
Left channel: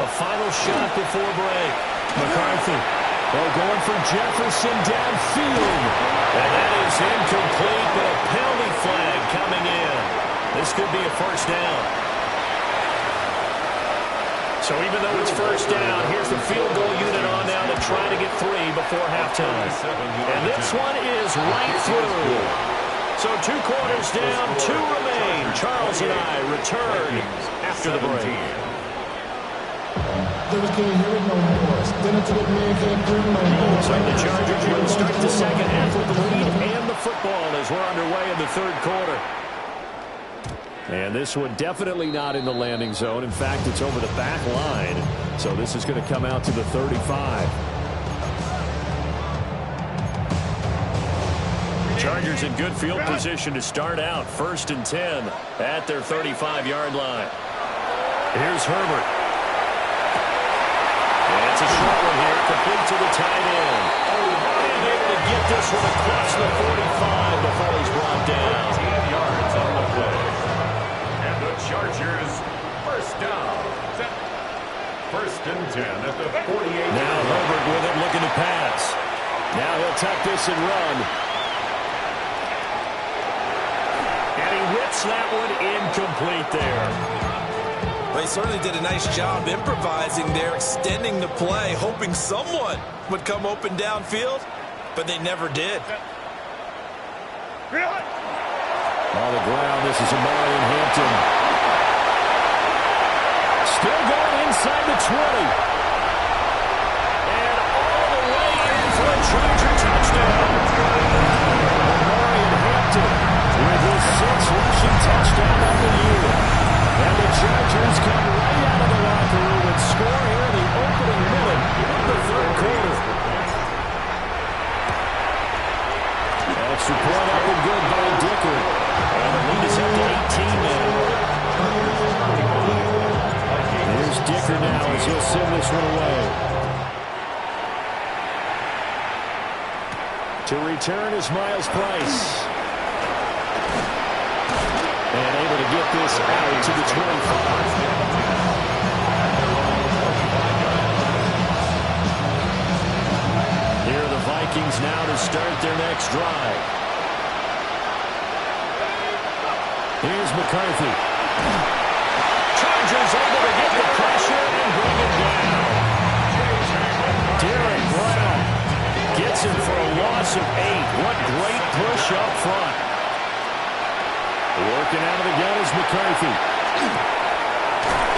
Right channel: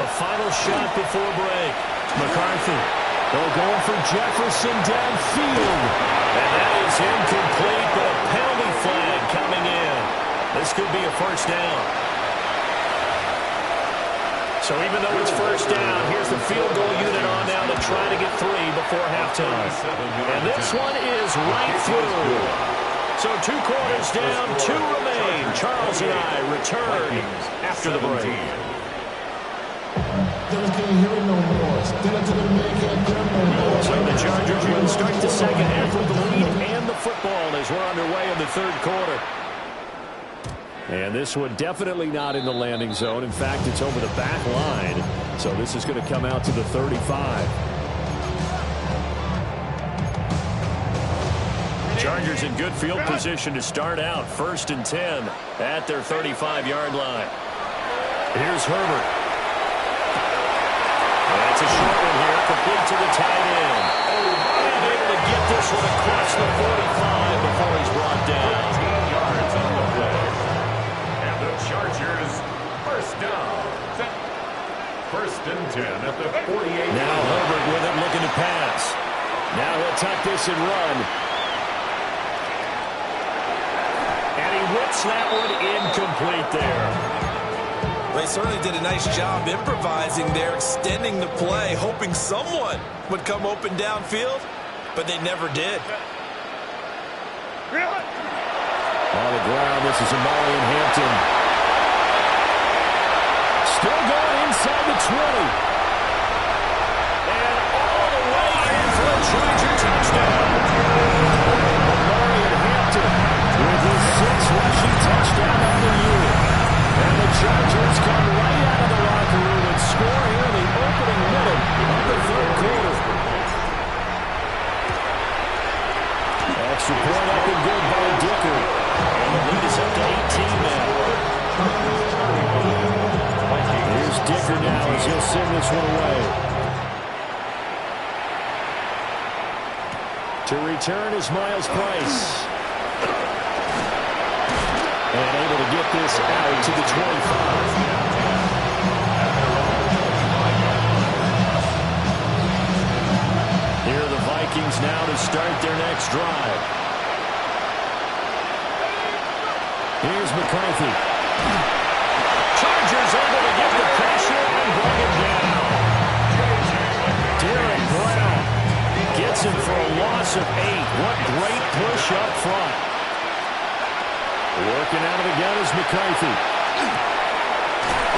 A final shot before break. McCarthy. Going for Jefferson downfield. And that is incomplete, but a penalty flag coming in. This could be a 1st down. So even though it's 1st down, here's the field goal unit on now to try to get 3 before halftime. And this one is right through. So 2 quarters down, 2 remain. Charles and I return after the break. Can't hear it no more. Stand up to the man, can't hear him no more. So the Chargers will start the 2nd half with the lead and the football as we're underway in the 3rd quarter. And this one definitely not in the landing zone. In fact, it's over the back line. So this is going to come out to the 35. Chargers in good field position to start out. 1st and 10 at their 35-yard line. Here's Herbert. And it's a short one here, complete to the tight end. And able to get this one across the 45 before he's brought down. 18 yards on the play. And the Chargers, 1st down. 1st and 10 at the 48. Now Herbert with it, looking to pass. Now he'll tuck this and run. And he whips that one incomplete there. Well, he certainly did a nice job improvising there, extending the play, hoping someone would come open downfield, but they never did. On the ground, this is Amari and Hampton. Still going inside the 20. And all the way in for a Charger touchdown. Amari and Hampton with his 6th rushing touchdown of the year. And the Chargers come right out of the locker room and score here in the opening minute of the 3rd quarter. Extra point up and good by Dicker. And the lead is up to 18 now. Here's Dicker now as he'll send this one away. To return is Miles Price. And able to get this out to the 25. Here are the Vikings now to start their next drive. Here's McCarthy. Chargers able to get the pressure and bring him down. Derek Brown gets him for a loss of 8. What great push up front. Working out of the gun is McCarthy.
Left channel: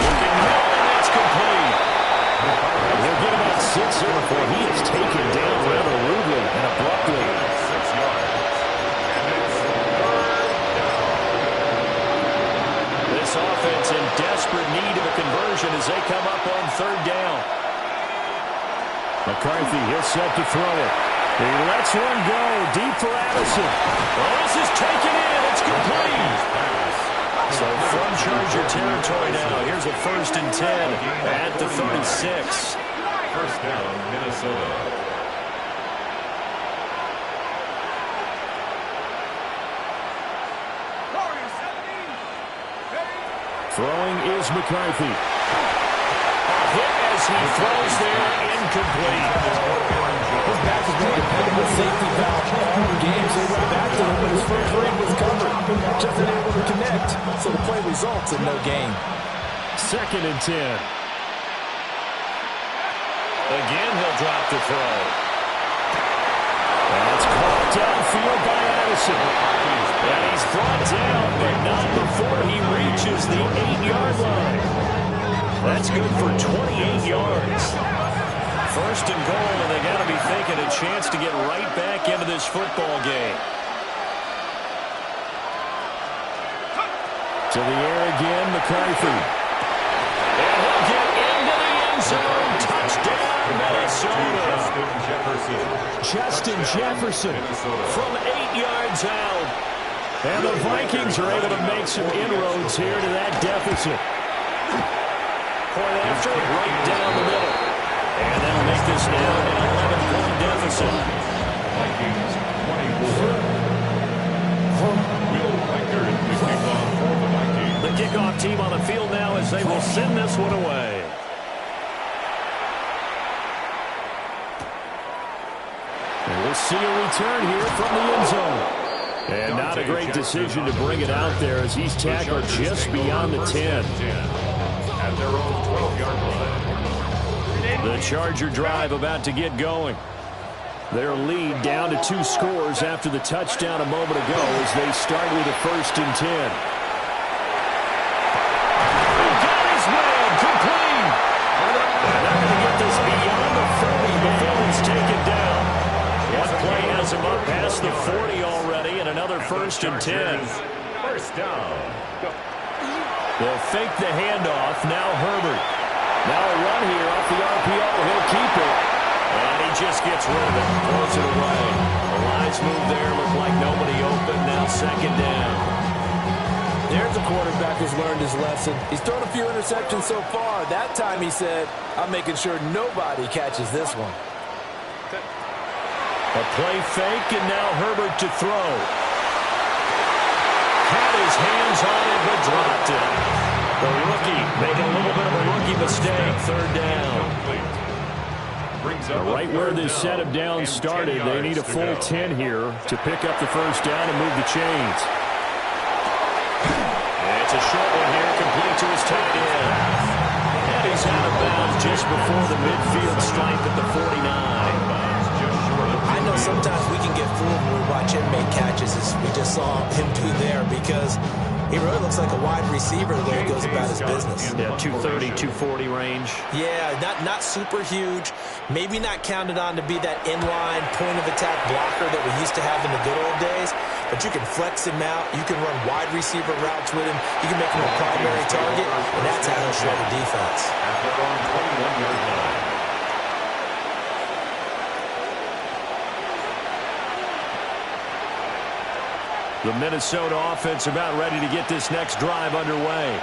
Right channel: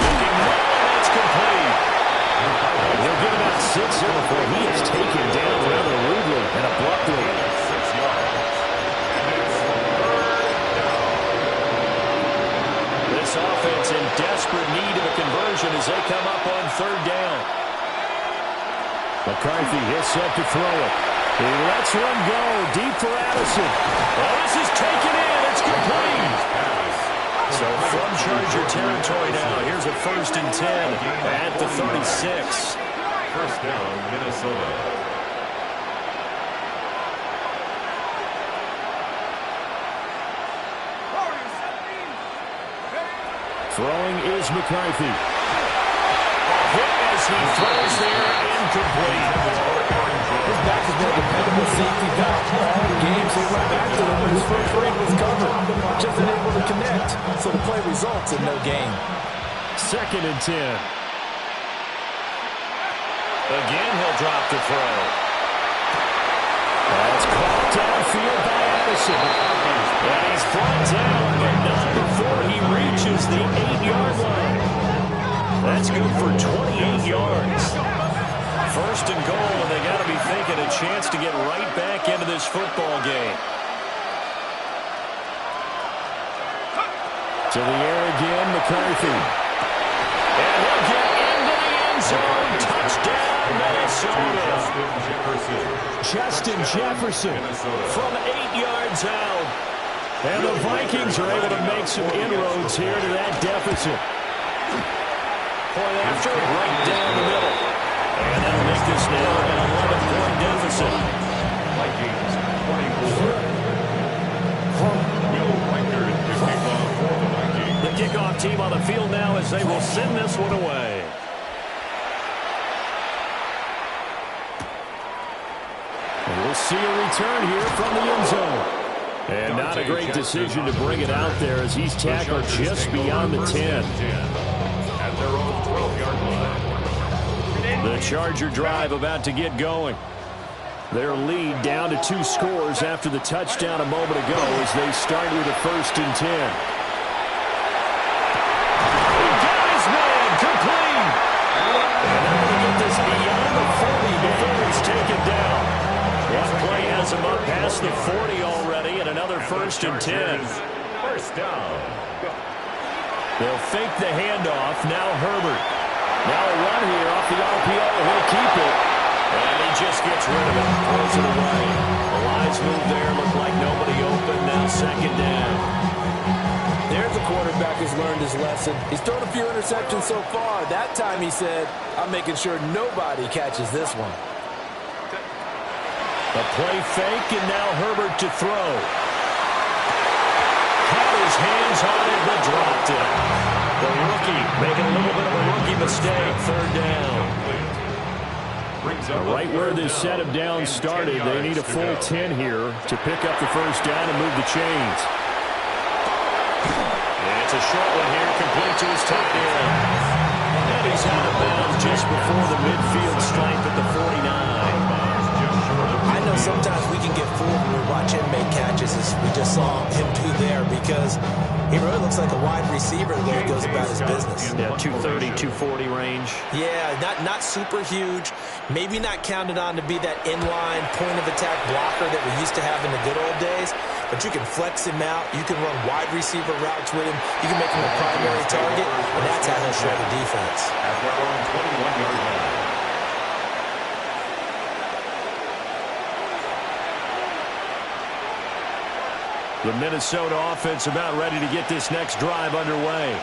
Looking middle, and that's complete. He'll get about 6 here before he is taken down rather rudely and abruptly. 6 yards. And it's 3rd down. This offense in desperate need of a conversion as they come up on 3rd down. McCarthy, he'll set to throw it. He lets one go deep for Addison. Oh, this is taken in. It's complete. So from Charger territory now, here's a 1st and 10 at the 36. 1st down, Minnesota. Throwing is McCarthy. A hit as he throws there, incomplete. His back has been a dependable safety valve all games. They went back to him, but his first read was covered. Just unable to connect, so the play results in no gain. 2nd and 10. Again, he'll drop the throw. That's caught downfield by Addison. And he's brought down, but not before he reaches the 8-yard line. That's good for 28 yards. 1st and goal, and they got to be thinking a chance to get right back into this football game. To the air again, McCarthy. And he'll get into the end zone. Touchdown, Minnesota. Justin Jefferson from 8 yards out. And the Vikings are able to make some inroads here to that deficit. Point after, right down the middle. And that'll make this now an 11-point deficit. Vikings 24. Will Reichard the kickoff for the Vikings. The kickoff team on the field now as they will send this one away. And we'll see a return here from the end zone. And not a great decision to bring it out there as he's tackled just beyond the 10. At their own 12-yard line. The Charger drive about to get going. Their lead down to 2 scores after the touchdown a moment ago as they start with a 1st and 10. He got his man complete. And they're going to get this beyond the 40 before he's taken down. One play has him up past the 40 already, and another 1st and 10. 1st down. They'll fake the handoff. Now Herbert. Now a run here off the RPO. He'll keep it. And he just gets rid of it. Throws it away. The lines move there. Look like nobody open. Now 2nd down. There's a quarterback who's learned his lesson. He's thrown a few interceptions so far. That time he said, I'm making sure nobody catches this one. A play fake, and now Herbert to throw. Had his hands on it, but dropped it. The rookie making a little bit of a rookie mistake. 3rd down. Right where this set of downs started, they need a full 10 here to pick up the 1st down and move the chains. And it's a short one here, complete to his tight end. And he's out of bounds just before the midfield stripe at the 49. I know sometimes we can get fooled when we watch him make catches, as we just saw him do there, because he really looks like a wide receiver the way he goes about his business. Yeah, 230, 240 range. Yeah, not super huge. Maybe not counted on to be that inline point-of-attack blocker that we used to have in the good old days, but you can flex him out. You can run wide receiver routes with him. You can make him a primary target, and that's how he'll show the defense. At their own 21-yard line. The Minnesota offense about ready to get this next drive underway.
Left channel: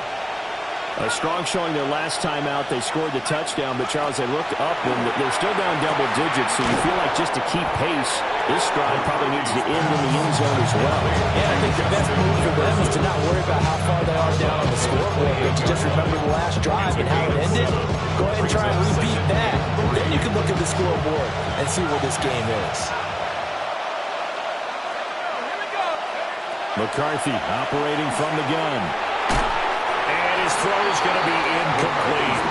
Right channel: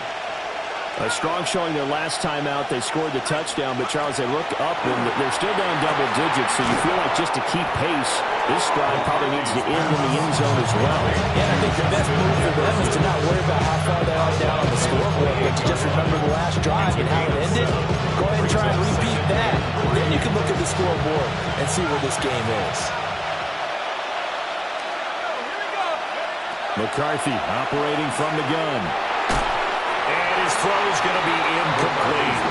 A strong showing their last time out. They scored the touchdown, but Charles, they looked up and they're still down double digits, so you feel like just to keep pace, this drive probably needs to end in the end zone as well. Yeah, I think the best move for them is to not worry about how far they are down on the scoreboard, but to just remember the last drive and how it ended. Go ahead and try and repeat that. Then you can look at the scoreboard and see where this game is. McCarthy operating from the gun. And his throw is going to be incomplete.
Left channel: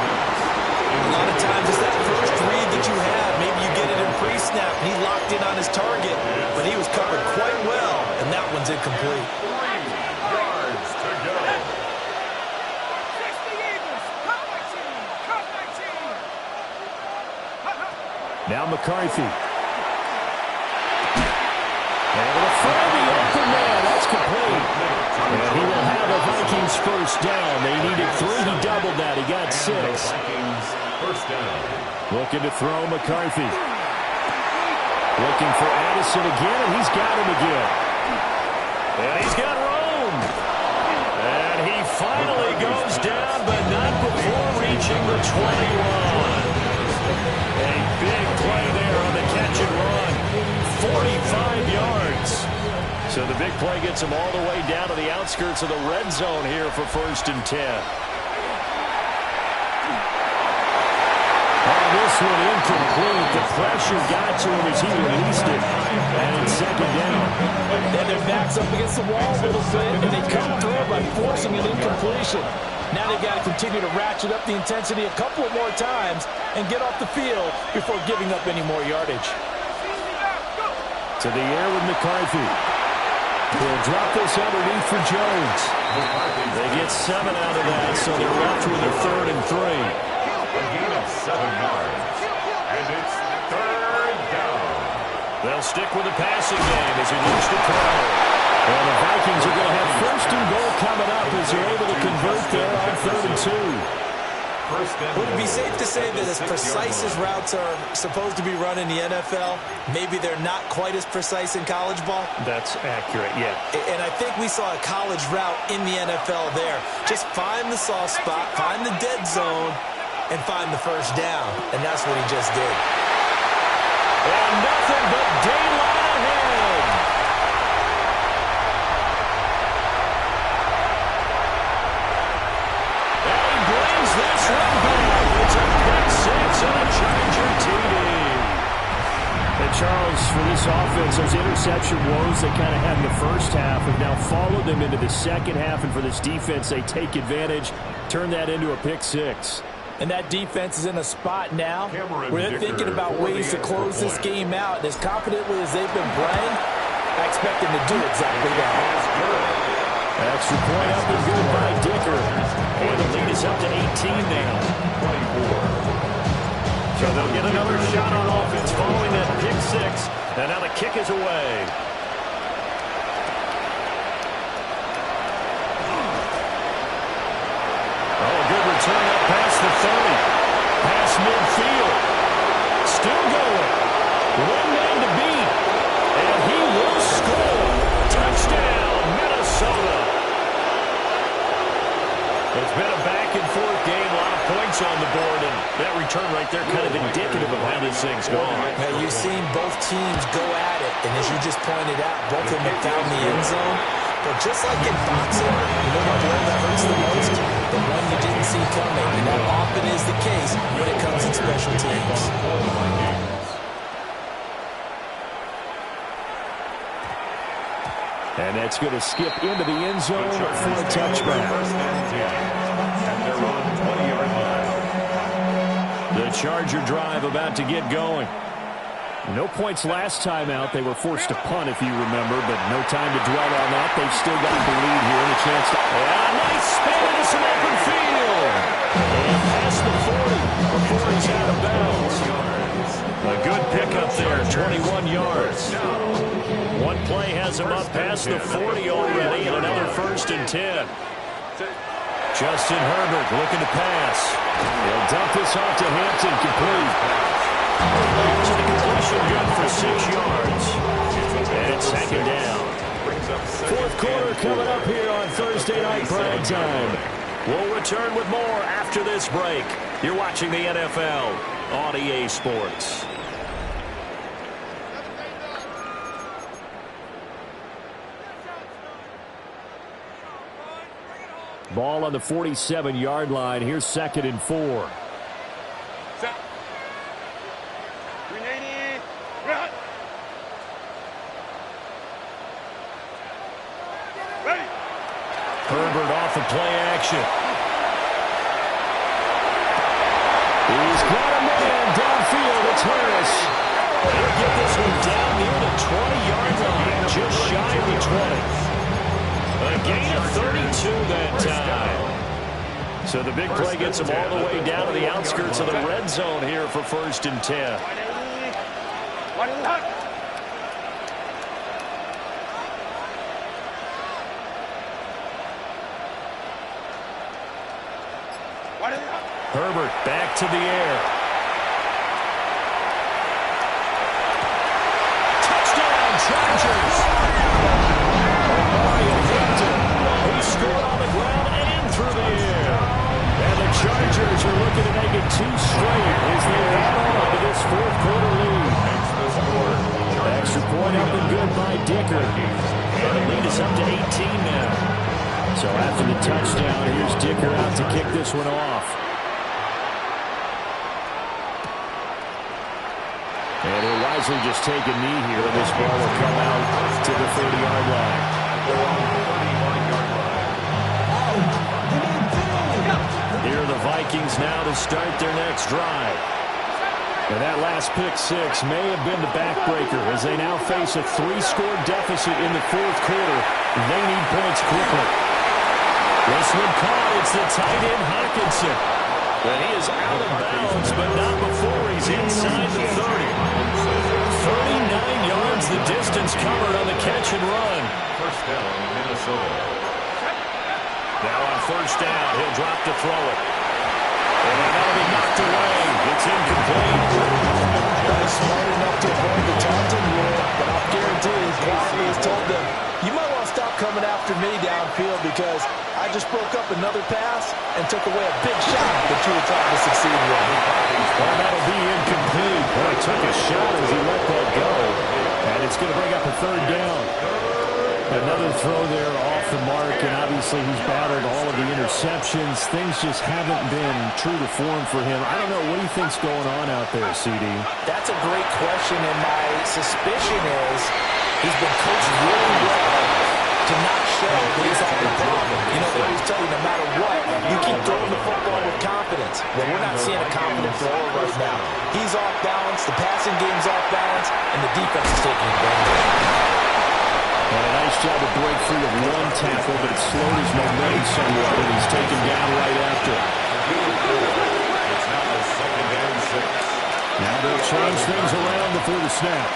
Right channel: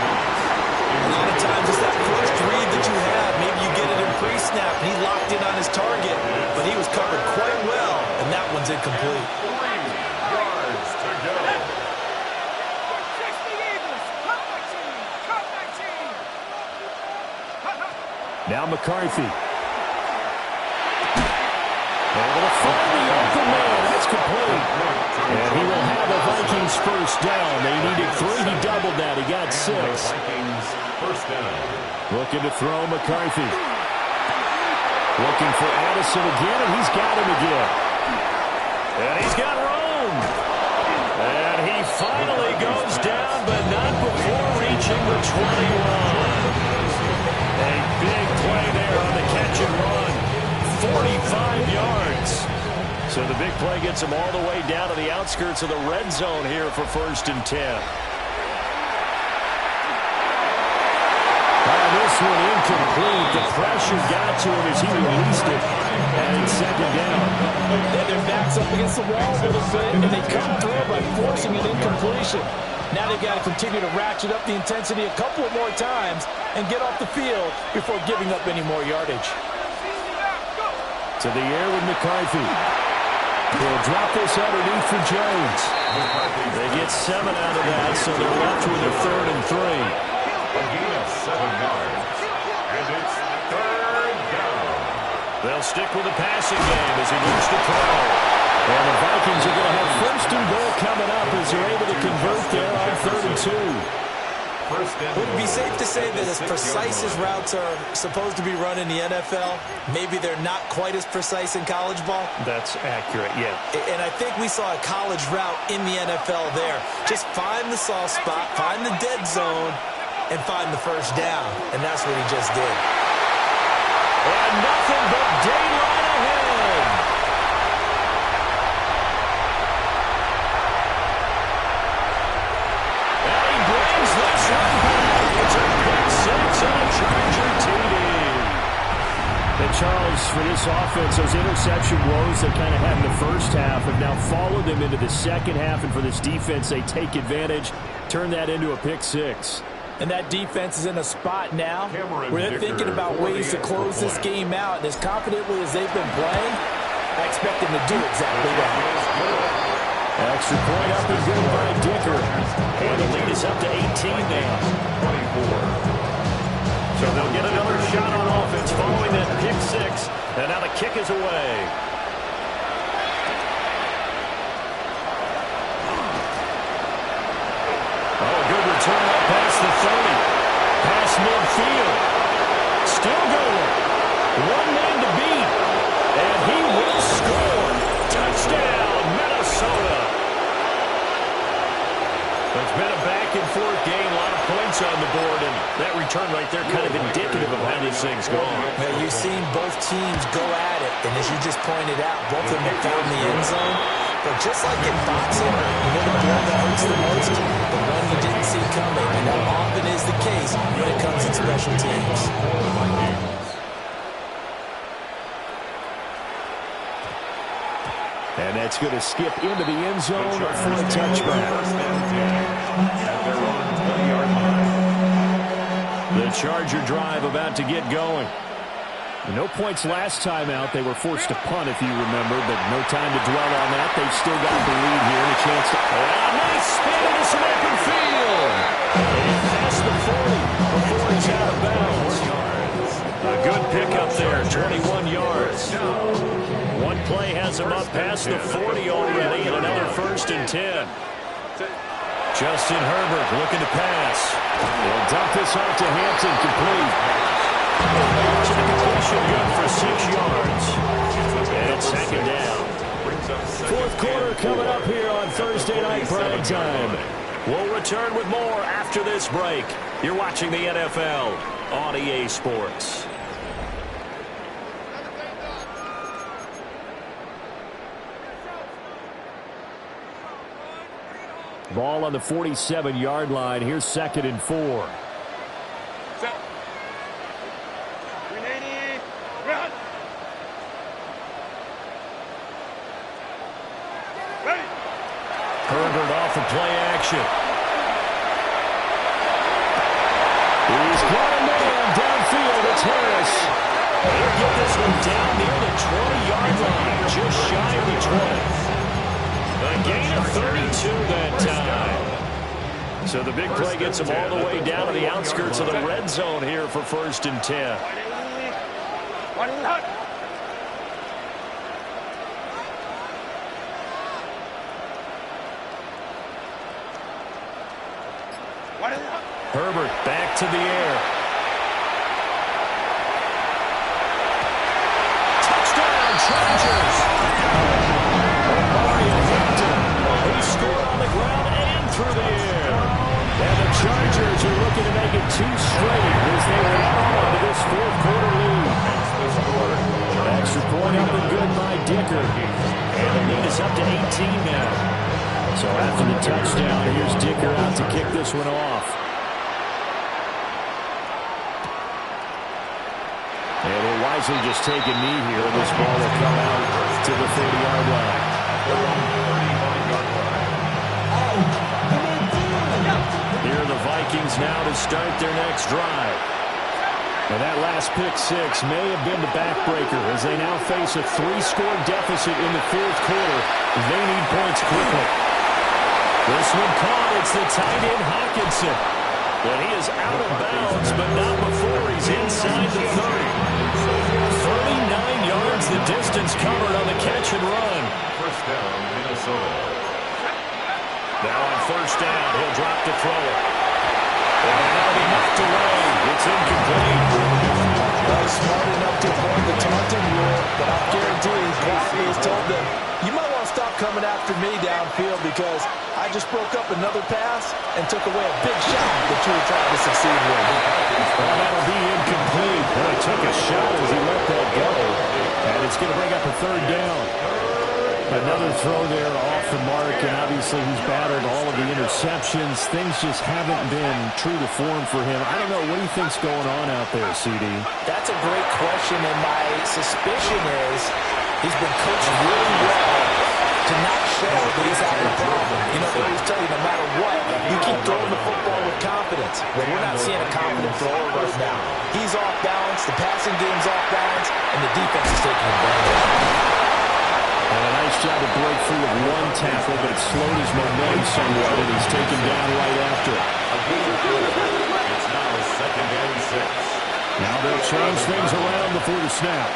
A lot of times it's that first read that you have. Maybe you get it in pre-snap, and he locked in on his target, but he was covered quite well, and that one's incomplete. 3 yards to go. Now McCarthy. Able to find the open man. That's complete. And he will have a Vikings 1st down. They needed 3. He doubled that. He got 6. Vikings 1st down. Looking to throw McCarthy. Looking for Addison again, and he's got him again. And he's got Rome. And he finally goes down, but not before reaching the 21. A big play there on the catch and run. 45 yards. So the big play gets him all the way down to the outskirts of the red zone here for 1st and 10. this one incomplete. The pressure got to him as he released it. And it's second down. And their back's up against the wall a little bit, and they come through by forcing an incompletion. Now they've got to continue to ratchet up the intensity a couple of more times and get off the field before giving up any more yardage. To the air with McCarthy. He'll drop this underneath for Jones. They get 7 out of that, so they're left with a 3rd and 3. A gain of 7 yards. And it's 3rd down. They'll stick with the passing game as he looks to throw. And the Vikings are going to have 1st and goal coming up as they're able to convert there on 3rd and 2. Would it be safe to say that as precise as routes are supposed to be run in the NFL, maybe they're not quite as precise in college ball? That's accurate, yeah. And I think we saw a college route in the NFL there. Just find the soft spot, find the dead zone, and find the 1st down. And that's what he just did. And nothing but daylight ahead. And he brings this one back. It's a pick 6 and a Charger TD. And Charles, for this offense, those interception woes they kind of had in the first half have now followed them into the second half. And for this defense, they take advantage, turn that into a pick 6. And that defense is in a spot now where they're thinking about ways to close this game out. And as confidently as they've been playing, I expect them to do exactly that. Extra point up and good by Dicker. And the lead is up to 18 now. 24. So they'll get another shot on offense following that pick 6. And now the kick is away. Oh, a good return up past the 30. Past midfield. Still going. One man to beat. And he will score. Touchdown, Minnesota. It's been a back-and-forth game. A lot of points on the board. And that return right there kind of indicative of how this thing's going. Now, you've seen both teams go at it. And as you just pointed out, both of them have found the end zone. But just like in boxing, you know the blow that hurts the most? The one you didn't see coming. And that often is the case when it comes in special teams. And that's going to skip into the end zone for a touchback. At their own 20-yard line. The Charger drive about to get going. No points last time out. They were forced to punt, if you remember, but no time to dwell on that. They've still got the lead here and a chance to... And a nice spin into some open field. And past the 40 before he's out of bounds. A good pickup there, 21 yards. One play has him up past the 40 already, and another 1st and 10. Justin Herbert looking to pass. He'll dump this off to Hampton, complete. To the completion, good for 6 yards. And it's 2nd down. 4th quarter coming up here on Thursday Night Prime Time. We'll return with more after this break. You're watching the NFL on EA Sports. Ball on the 47-yard line. Here's 2nd and 4. Set. 380. Run. Ready. Herbert off the play action. He's got a man downfield. It's Harris. He'll get this one down near the 20-yard line, just shy of the 20. A gain of 32 that time. So the big play gets him all the way down to the outskirts of the red zone here for 1st and 10. Herbert back to the air. Touchdown, Chargers. He scored on the ground and through the air. And the Chargers are looking to make it 2 straight as they add on to this 4th quarter lead. Extra point up and good by Dicker. And the lead is up to 18 now. So after the touchdown, here's Dicker out to kick this one off. And he'll wisely just take a knee here, and this ball will come out to the 30-yard line. At the 35-yard line. Here are the Vikings now to start their next drive. And that last pick six may have been the backbreaker as they now face a 3-score deficit in the fourth quarter. They need points quickly. This one caught. It's the tight end Hawkinson. But he is out of bounds, but not before he's inside the 30. 39 yards the distance covered on the catch and run. First down, Minnesota. Now on first down, he'll drop to throw it. And that'll be knocked away. It's incomplete. Smart enough to avoid the taunting rule, but I'll guarantee he quietly has told them, you might want to stop coming after me downfield because I just broke up another pass and took away a big shot that you were trying to succeed with. Well, that'll be incomplete. Boy, took a shot as he let that go. And it's going to bring up a third down. Another throw there off the mark, and obviously he's battled all of the interceptions. Things just haven't been true to form for him. I don't know. What do you think's going on out there, CD? That's a great question, and my suspicion is he's been coached really well to not show that he's having a problem. You know, they always tell you no matter what, you keep throwing the football with confidence. Well, we're not seeing a confident thrower right now. He's off balance, the passing game's off balance, and the defense is taking advantage. And a nice job to break free of one tackle, but it slowed his momentum somewhat, and he's taken down right after. It's now 2nd and 6. Now they'll change things around before the snap.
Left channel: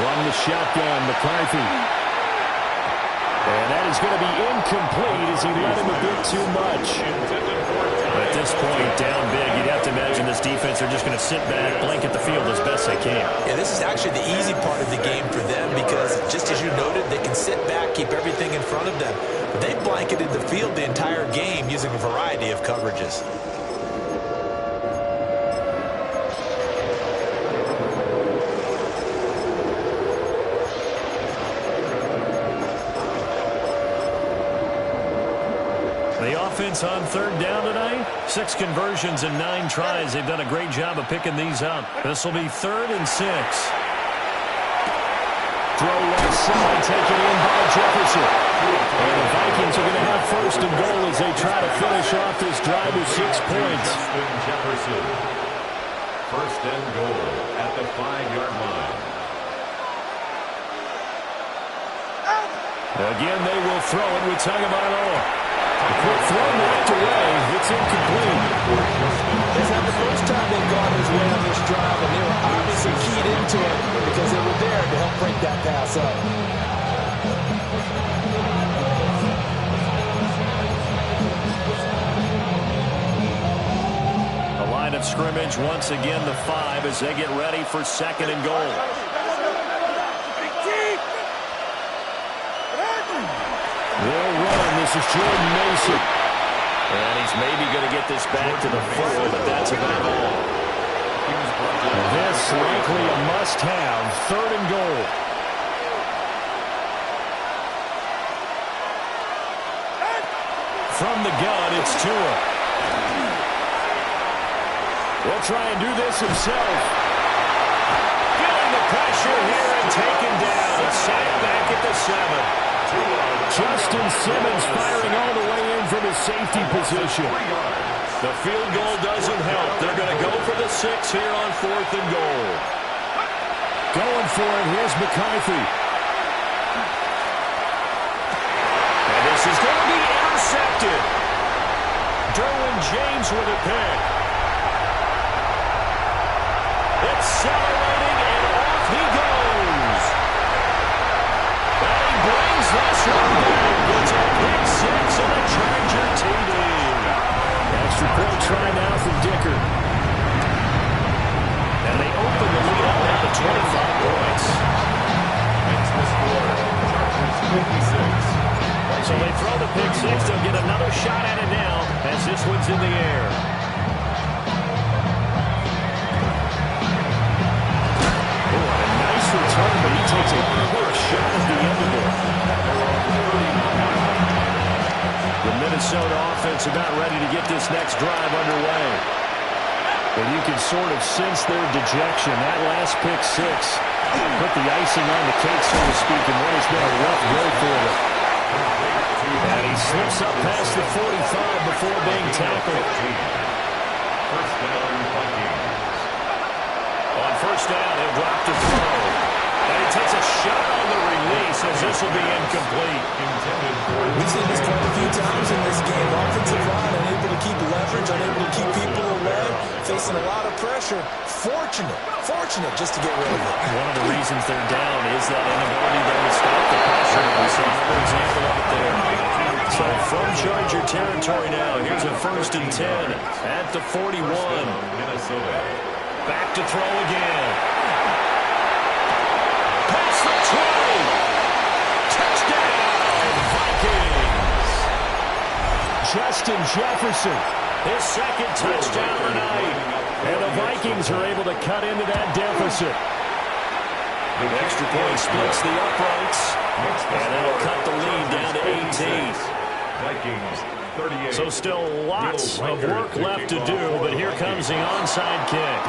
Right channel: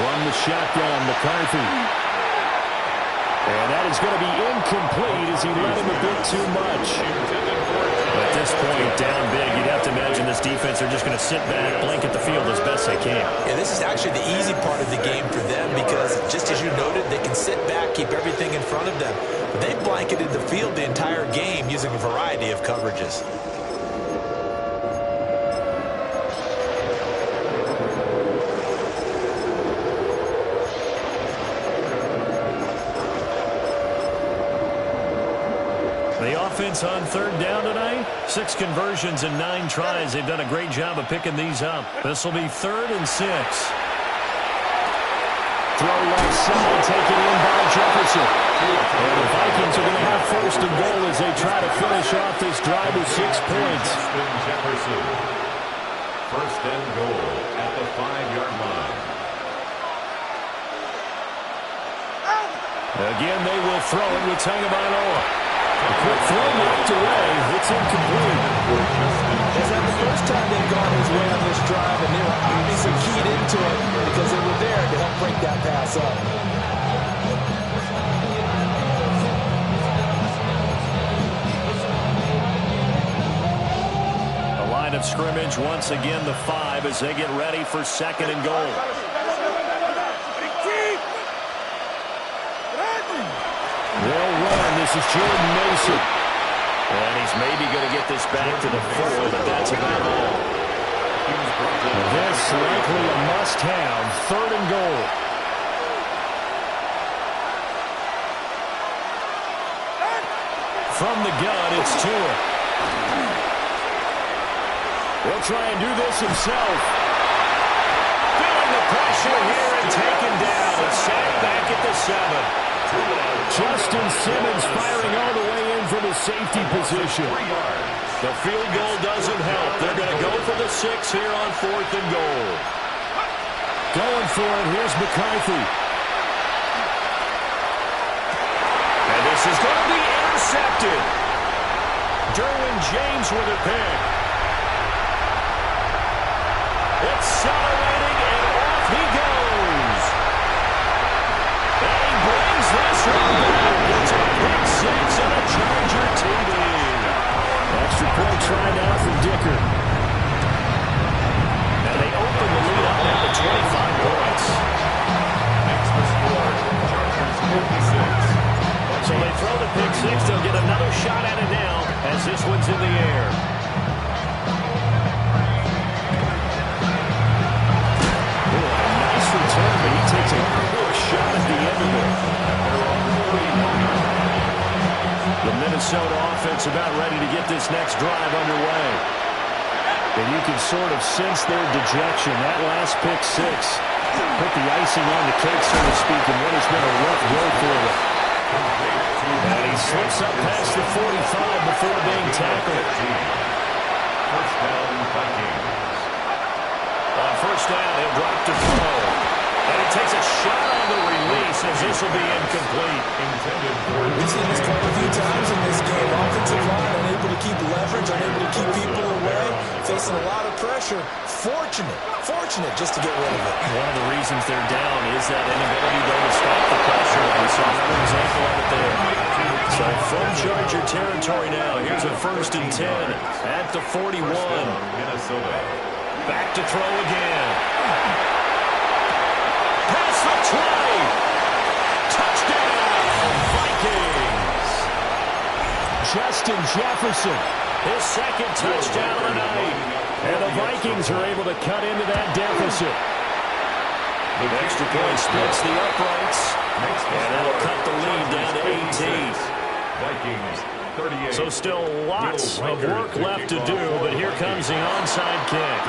From the shotgun, McCarthy. And that is going to be incomplete as he let him a bit too much. At this point, down big, you'd have to imagine this defense are just going to sit back, blanket the field as best they can. Yeah, this is actually the easy part of the game for them because, just as you noted, they can sit back, keep everything in front of them. But they blanketed the field the entire game using a variety of coverages. The offense on third down tonight, 6 conversions and 9 tries. They've done a great job of picking these up. This will be 3rd and 6. Throw left side, taken in by Jefferson. And the Vikings are going to have 1st and goal as they try to finish off this drive with 6 points. Jefferson. 1st and goal at the 5-yard line. Again, they will throw it with Tagovailoa. A quick throw knocked away. It's incomplete. This is not the first time they've gone his way on this drive, and they were obviously keyed into it because they were there to help break that pass up. The line of scrimmage once again the 5 as they get ready for 2nd and goal. They'll run. This is Jordan Mason. And he's maybe going to get this back to the 4, but that's about all. This likely a must-have. 3rd and goal. From the gun, it's Tua. He'll try and do this himself. Feeling the pressure here and taken down. A sack back at the 7. Justin Simmons firing all the way in from his safety position. The field goal doesn't help. They're going to go for the 6 here on 4th and goal. Going for it. Here's McCarthy. And this is going to be intercepted. Derwin James with a pick. Accelerating, and off he goes. And he brings this one back. It's a pick 6 and a Charger TD. Extra point try now from Dicker. And they open the lead up now to 25 points. Makes the score. Chargers 56. So they throw the pick 6. They'll get another shot at it now as this one's in the air. Ooh, and a nice return, but he Interesting. A shot at the end of it. The Minnesota offense about ready to get this next drive underway. And you can sort of sense their dejection. That last pick six put the icing on the cake, so to speak, in what has been a rough go for them. And he slips up past the 45 before being tackled. First down, Vikings. On first down, he'll drop to throw. And he takes a shot on the release as this will be incomplete. We've seen this quite a few times in this game. Offensive line unable to keep leverage, unable to keep people away, facing a lot of pressure. Fortunate just to get rid of it. One of the reasons they're down is that inability, though, to stop the pressure. We saw another example of it there. So from Charger territory now, here's a 1st and 10 at the 41. Minnesota. Back to throw again. Past the 20. Touchdown, Vikings. Justin Jefferson. His second touchdown of the night. And the Vikings are able to cut into that deficit. The extra point splits the uprights. And that'll cut the lead down to 18. Vikings 38. So still lots of work left to do, but here comes the onside kick.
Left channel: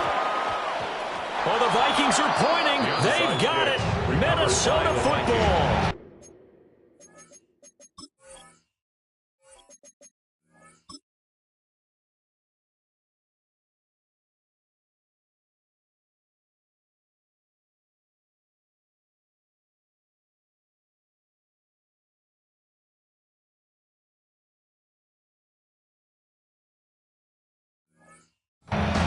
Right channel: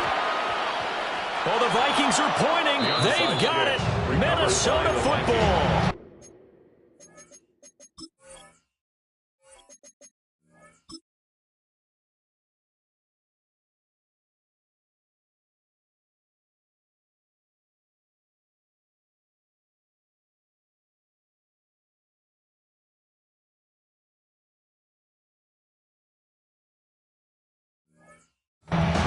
Well, the Vikings are pointing. They've got it. Minnesota football.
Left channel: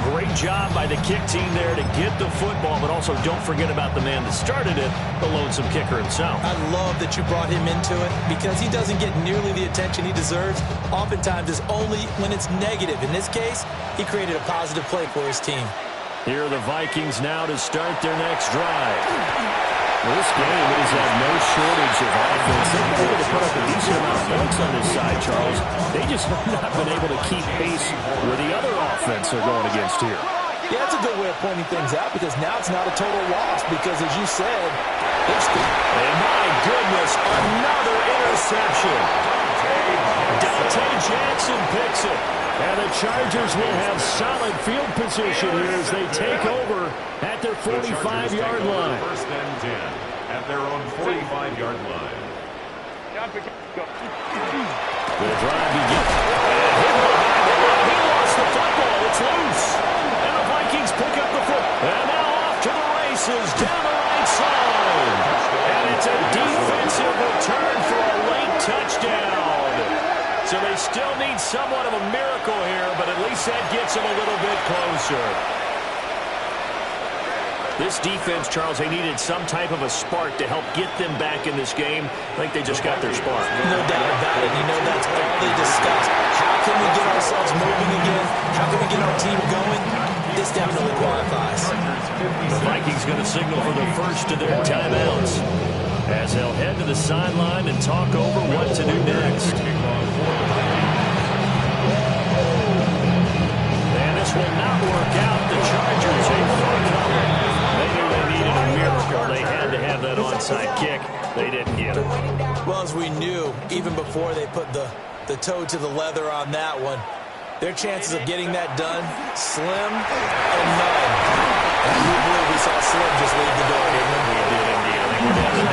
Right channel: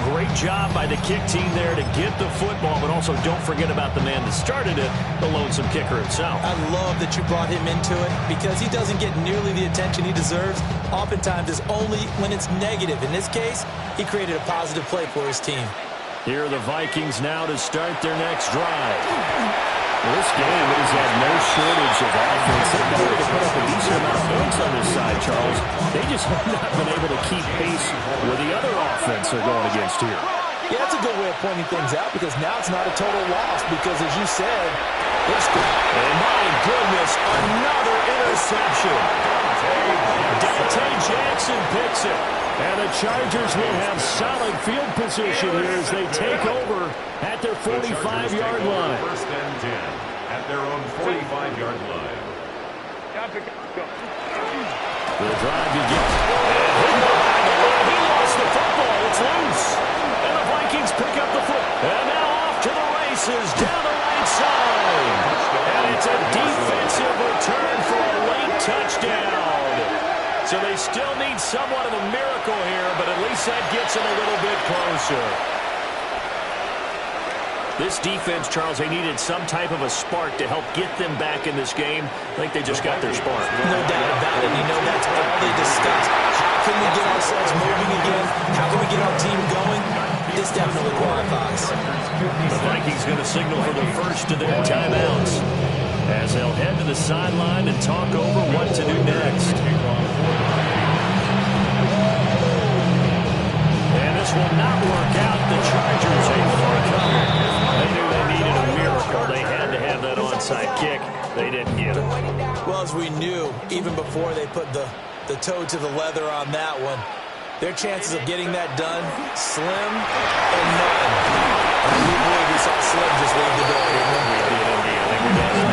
Great job by the kick team there to get the football, but also don't forget about the man that started it, the lonesome kicker himself. I love that you brought him into it because he doesn't get nearly the attention he deserves. Oftentimes it's only when it's negative. In this case, he created a positive play for his team. Here are the Vikings now to start their next drive. Well, this game, it has had no shortage of offense. They've been able to put up a decent amount of points on this side, Charles. They just have not been able to keep pace with the other offense they're going against here. Yeah, that's a good way of pointing things out because now it's not a total loss because, as you said, it's good. And my goodness, another interception. Dante Jackson picks it. And the Chargers will have solid field position here as they take over at their 45-yard line. First and 10 at their own 45-yard line. The drive begins. And hidden behind the line. He lost the football. It's loose. And the Vikings pick up the foot. And now off to the races down the right side. And it's a defensive return for a late touchdown. So they still need somewhat of a miracle here, but at least that gets them a little bit closer. This defense, Charles, they needed some type of a spark to help get them back in this game. I think they just got their spark. No doubt about it. You know, that's all they discussed. How can we get ourselves moving again? How can we get our team going? This definitely qualifies. The Vikings going to signal for the first of their timeouts as they'll head to the sideline and talk over what to do next. And this will not work out. The Chargers able to recover. They knew they needed a miracle. They had to have that onside kick. They didn't get it. Well, as we knew, even before they put the toe to the leather on that one, their chances of getting that done, slim and none. And I do believe we saw Slim just leave the door, didn't we? We did indeed. I think we're down to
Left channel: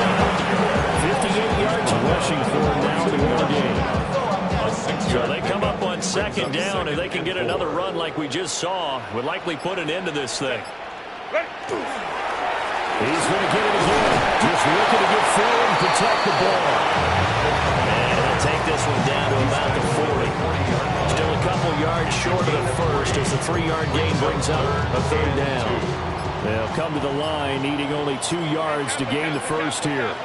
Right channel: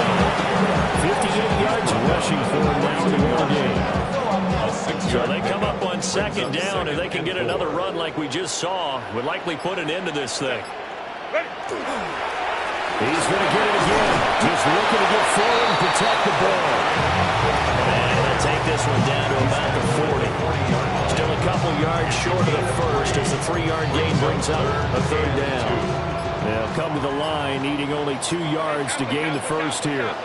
58 yards rushing for him now in the ball game. So they come up on second down. If they can get another run like we just saw, would likely put an end to this thing. He's going to get it again. Just looking to get forward and protect the ball. And he'll take this one down to about the 40. Still a couple yards short of the first as the 3-yard gain brings up a third down. They'll come to the line needing only 2 yards to gain the first here.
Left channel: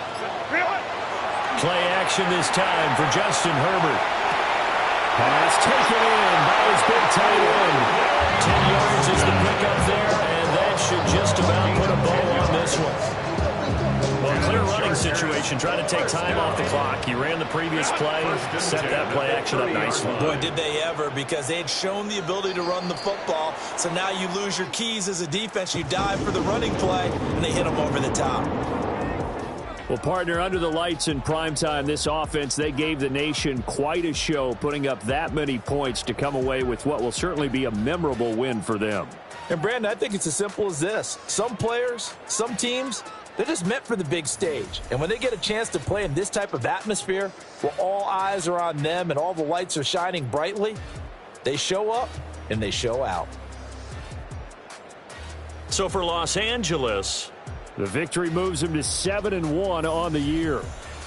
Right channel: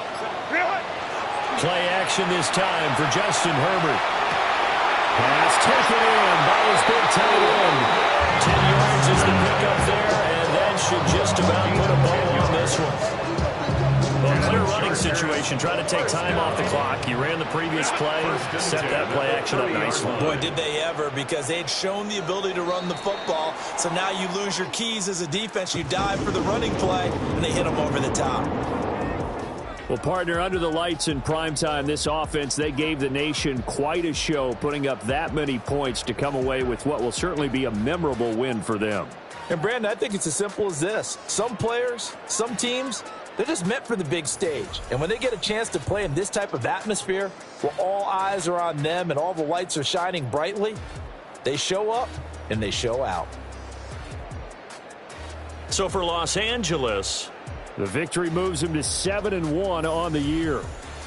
Play action this time for Justin Herbert. Pass taken in by his big tight end. 10 yards is the pickup there, and that should just about put a bow on this one. Well, a clear running situation, trying to take time off the clock. He ran the previous play, set that play action up nicely. Boy, did they ever, because they had shown the ability to run the football. So now you lose your keys as a defense. You dive for the running play, and they hit them over the top. Well, partner, under the lights in primetime, this offense, they gave the nation quite a show, putting up that many points to come away with what will certainly be a memorable win for them. And, Brandon, I think it's as simple as this. Some players, some teams, they're just meant for the big stage. And when they get a chance to play in this type of atmosphere where all eyes are on them and all the lights are shining brightly, they show up and they show out. So for Los Angeles, the victory moves them to 7-1 on the year.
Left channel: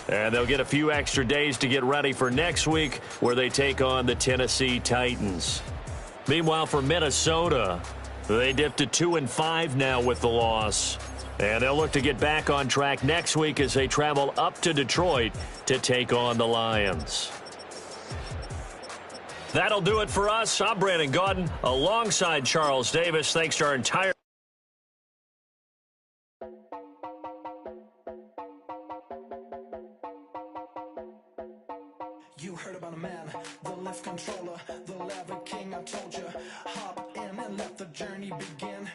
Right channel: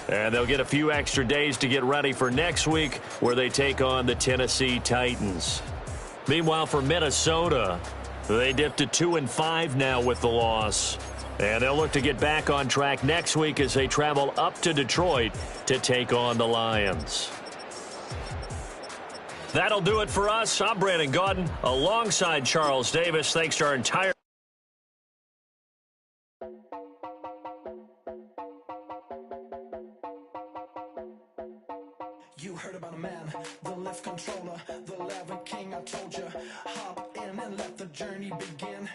And they'll get a few extra days to get ready for next week where they take on the Tennessee Titans. Meanwhile, for Minnesota, they dipped to 2-5 now with the loss. And they'll look to get back on track next week as they travel up to Detroit to take on the Lions. That'll do it for us. I'm Brandon Gaudin alongside Charles Davis. Thanks to our entire You heard about a man, the lift controller, the lever king, I told you. Hop in and let the journey begin.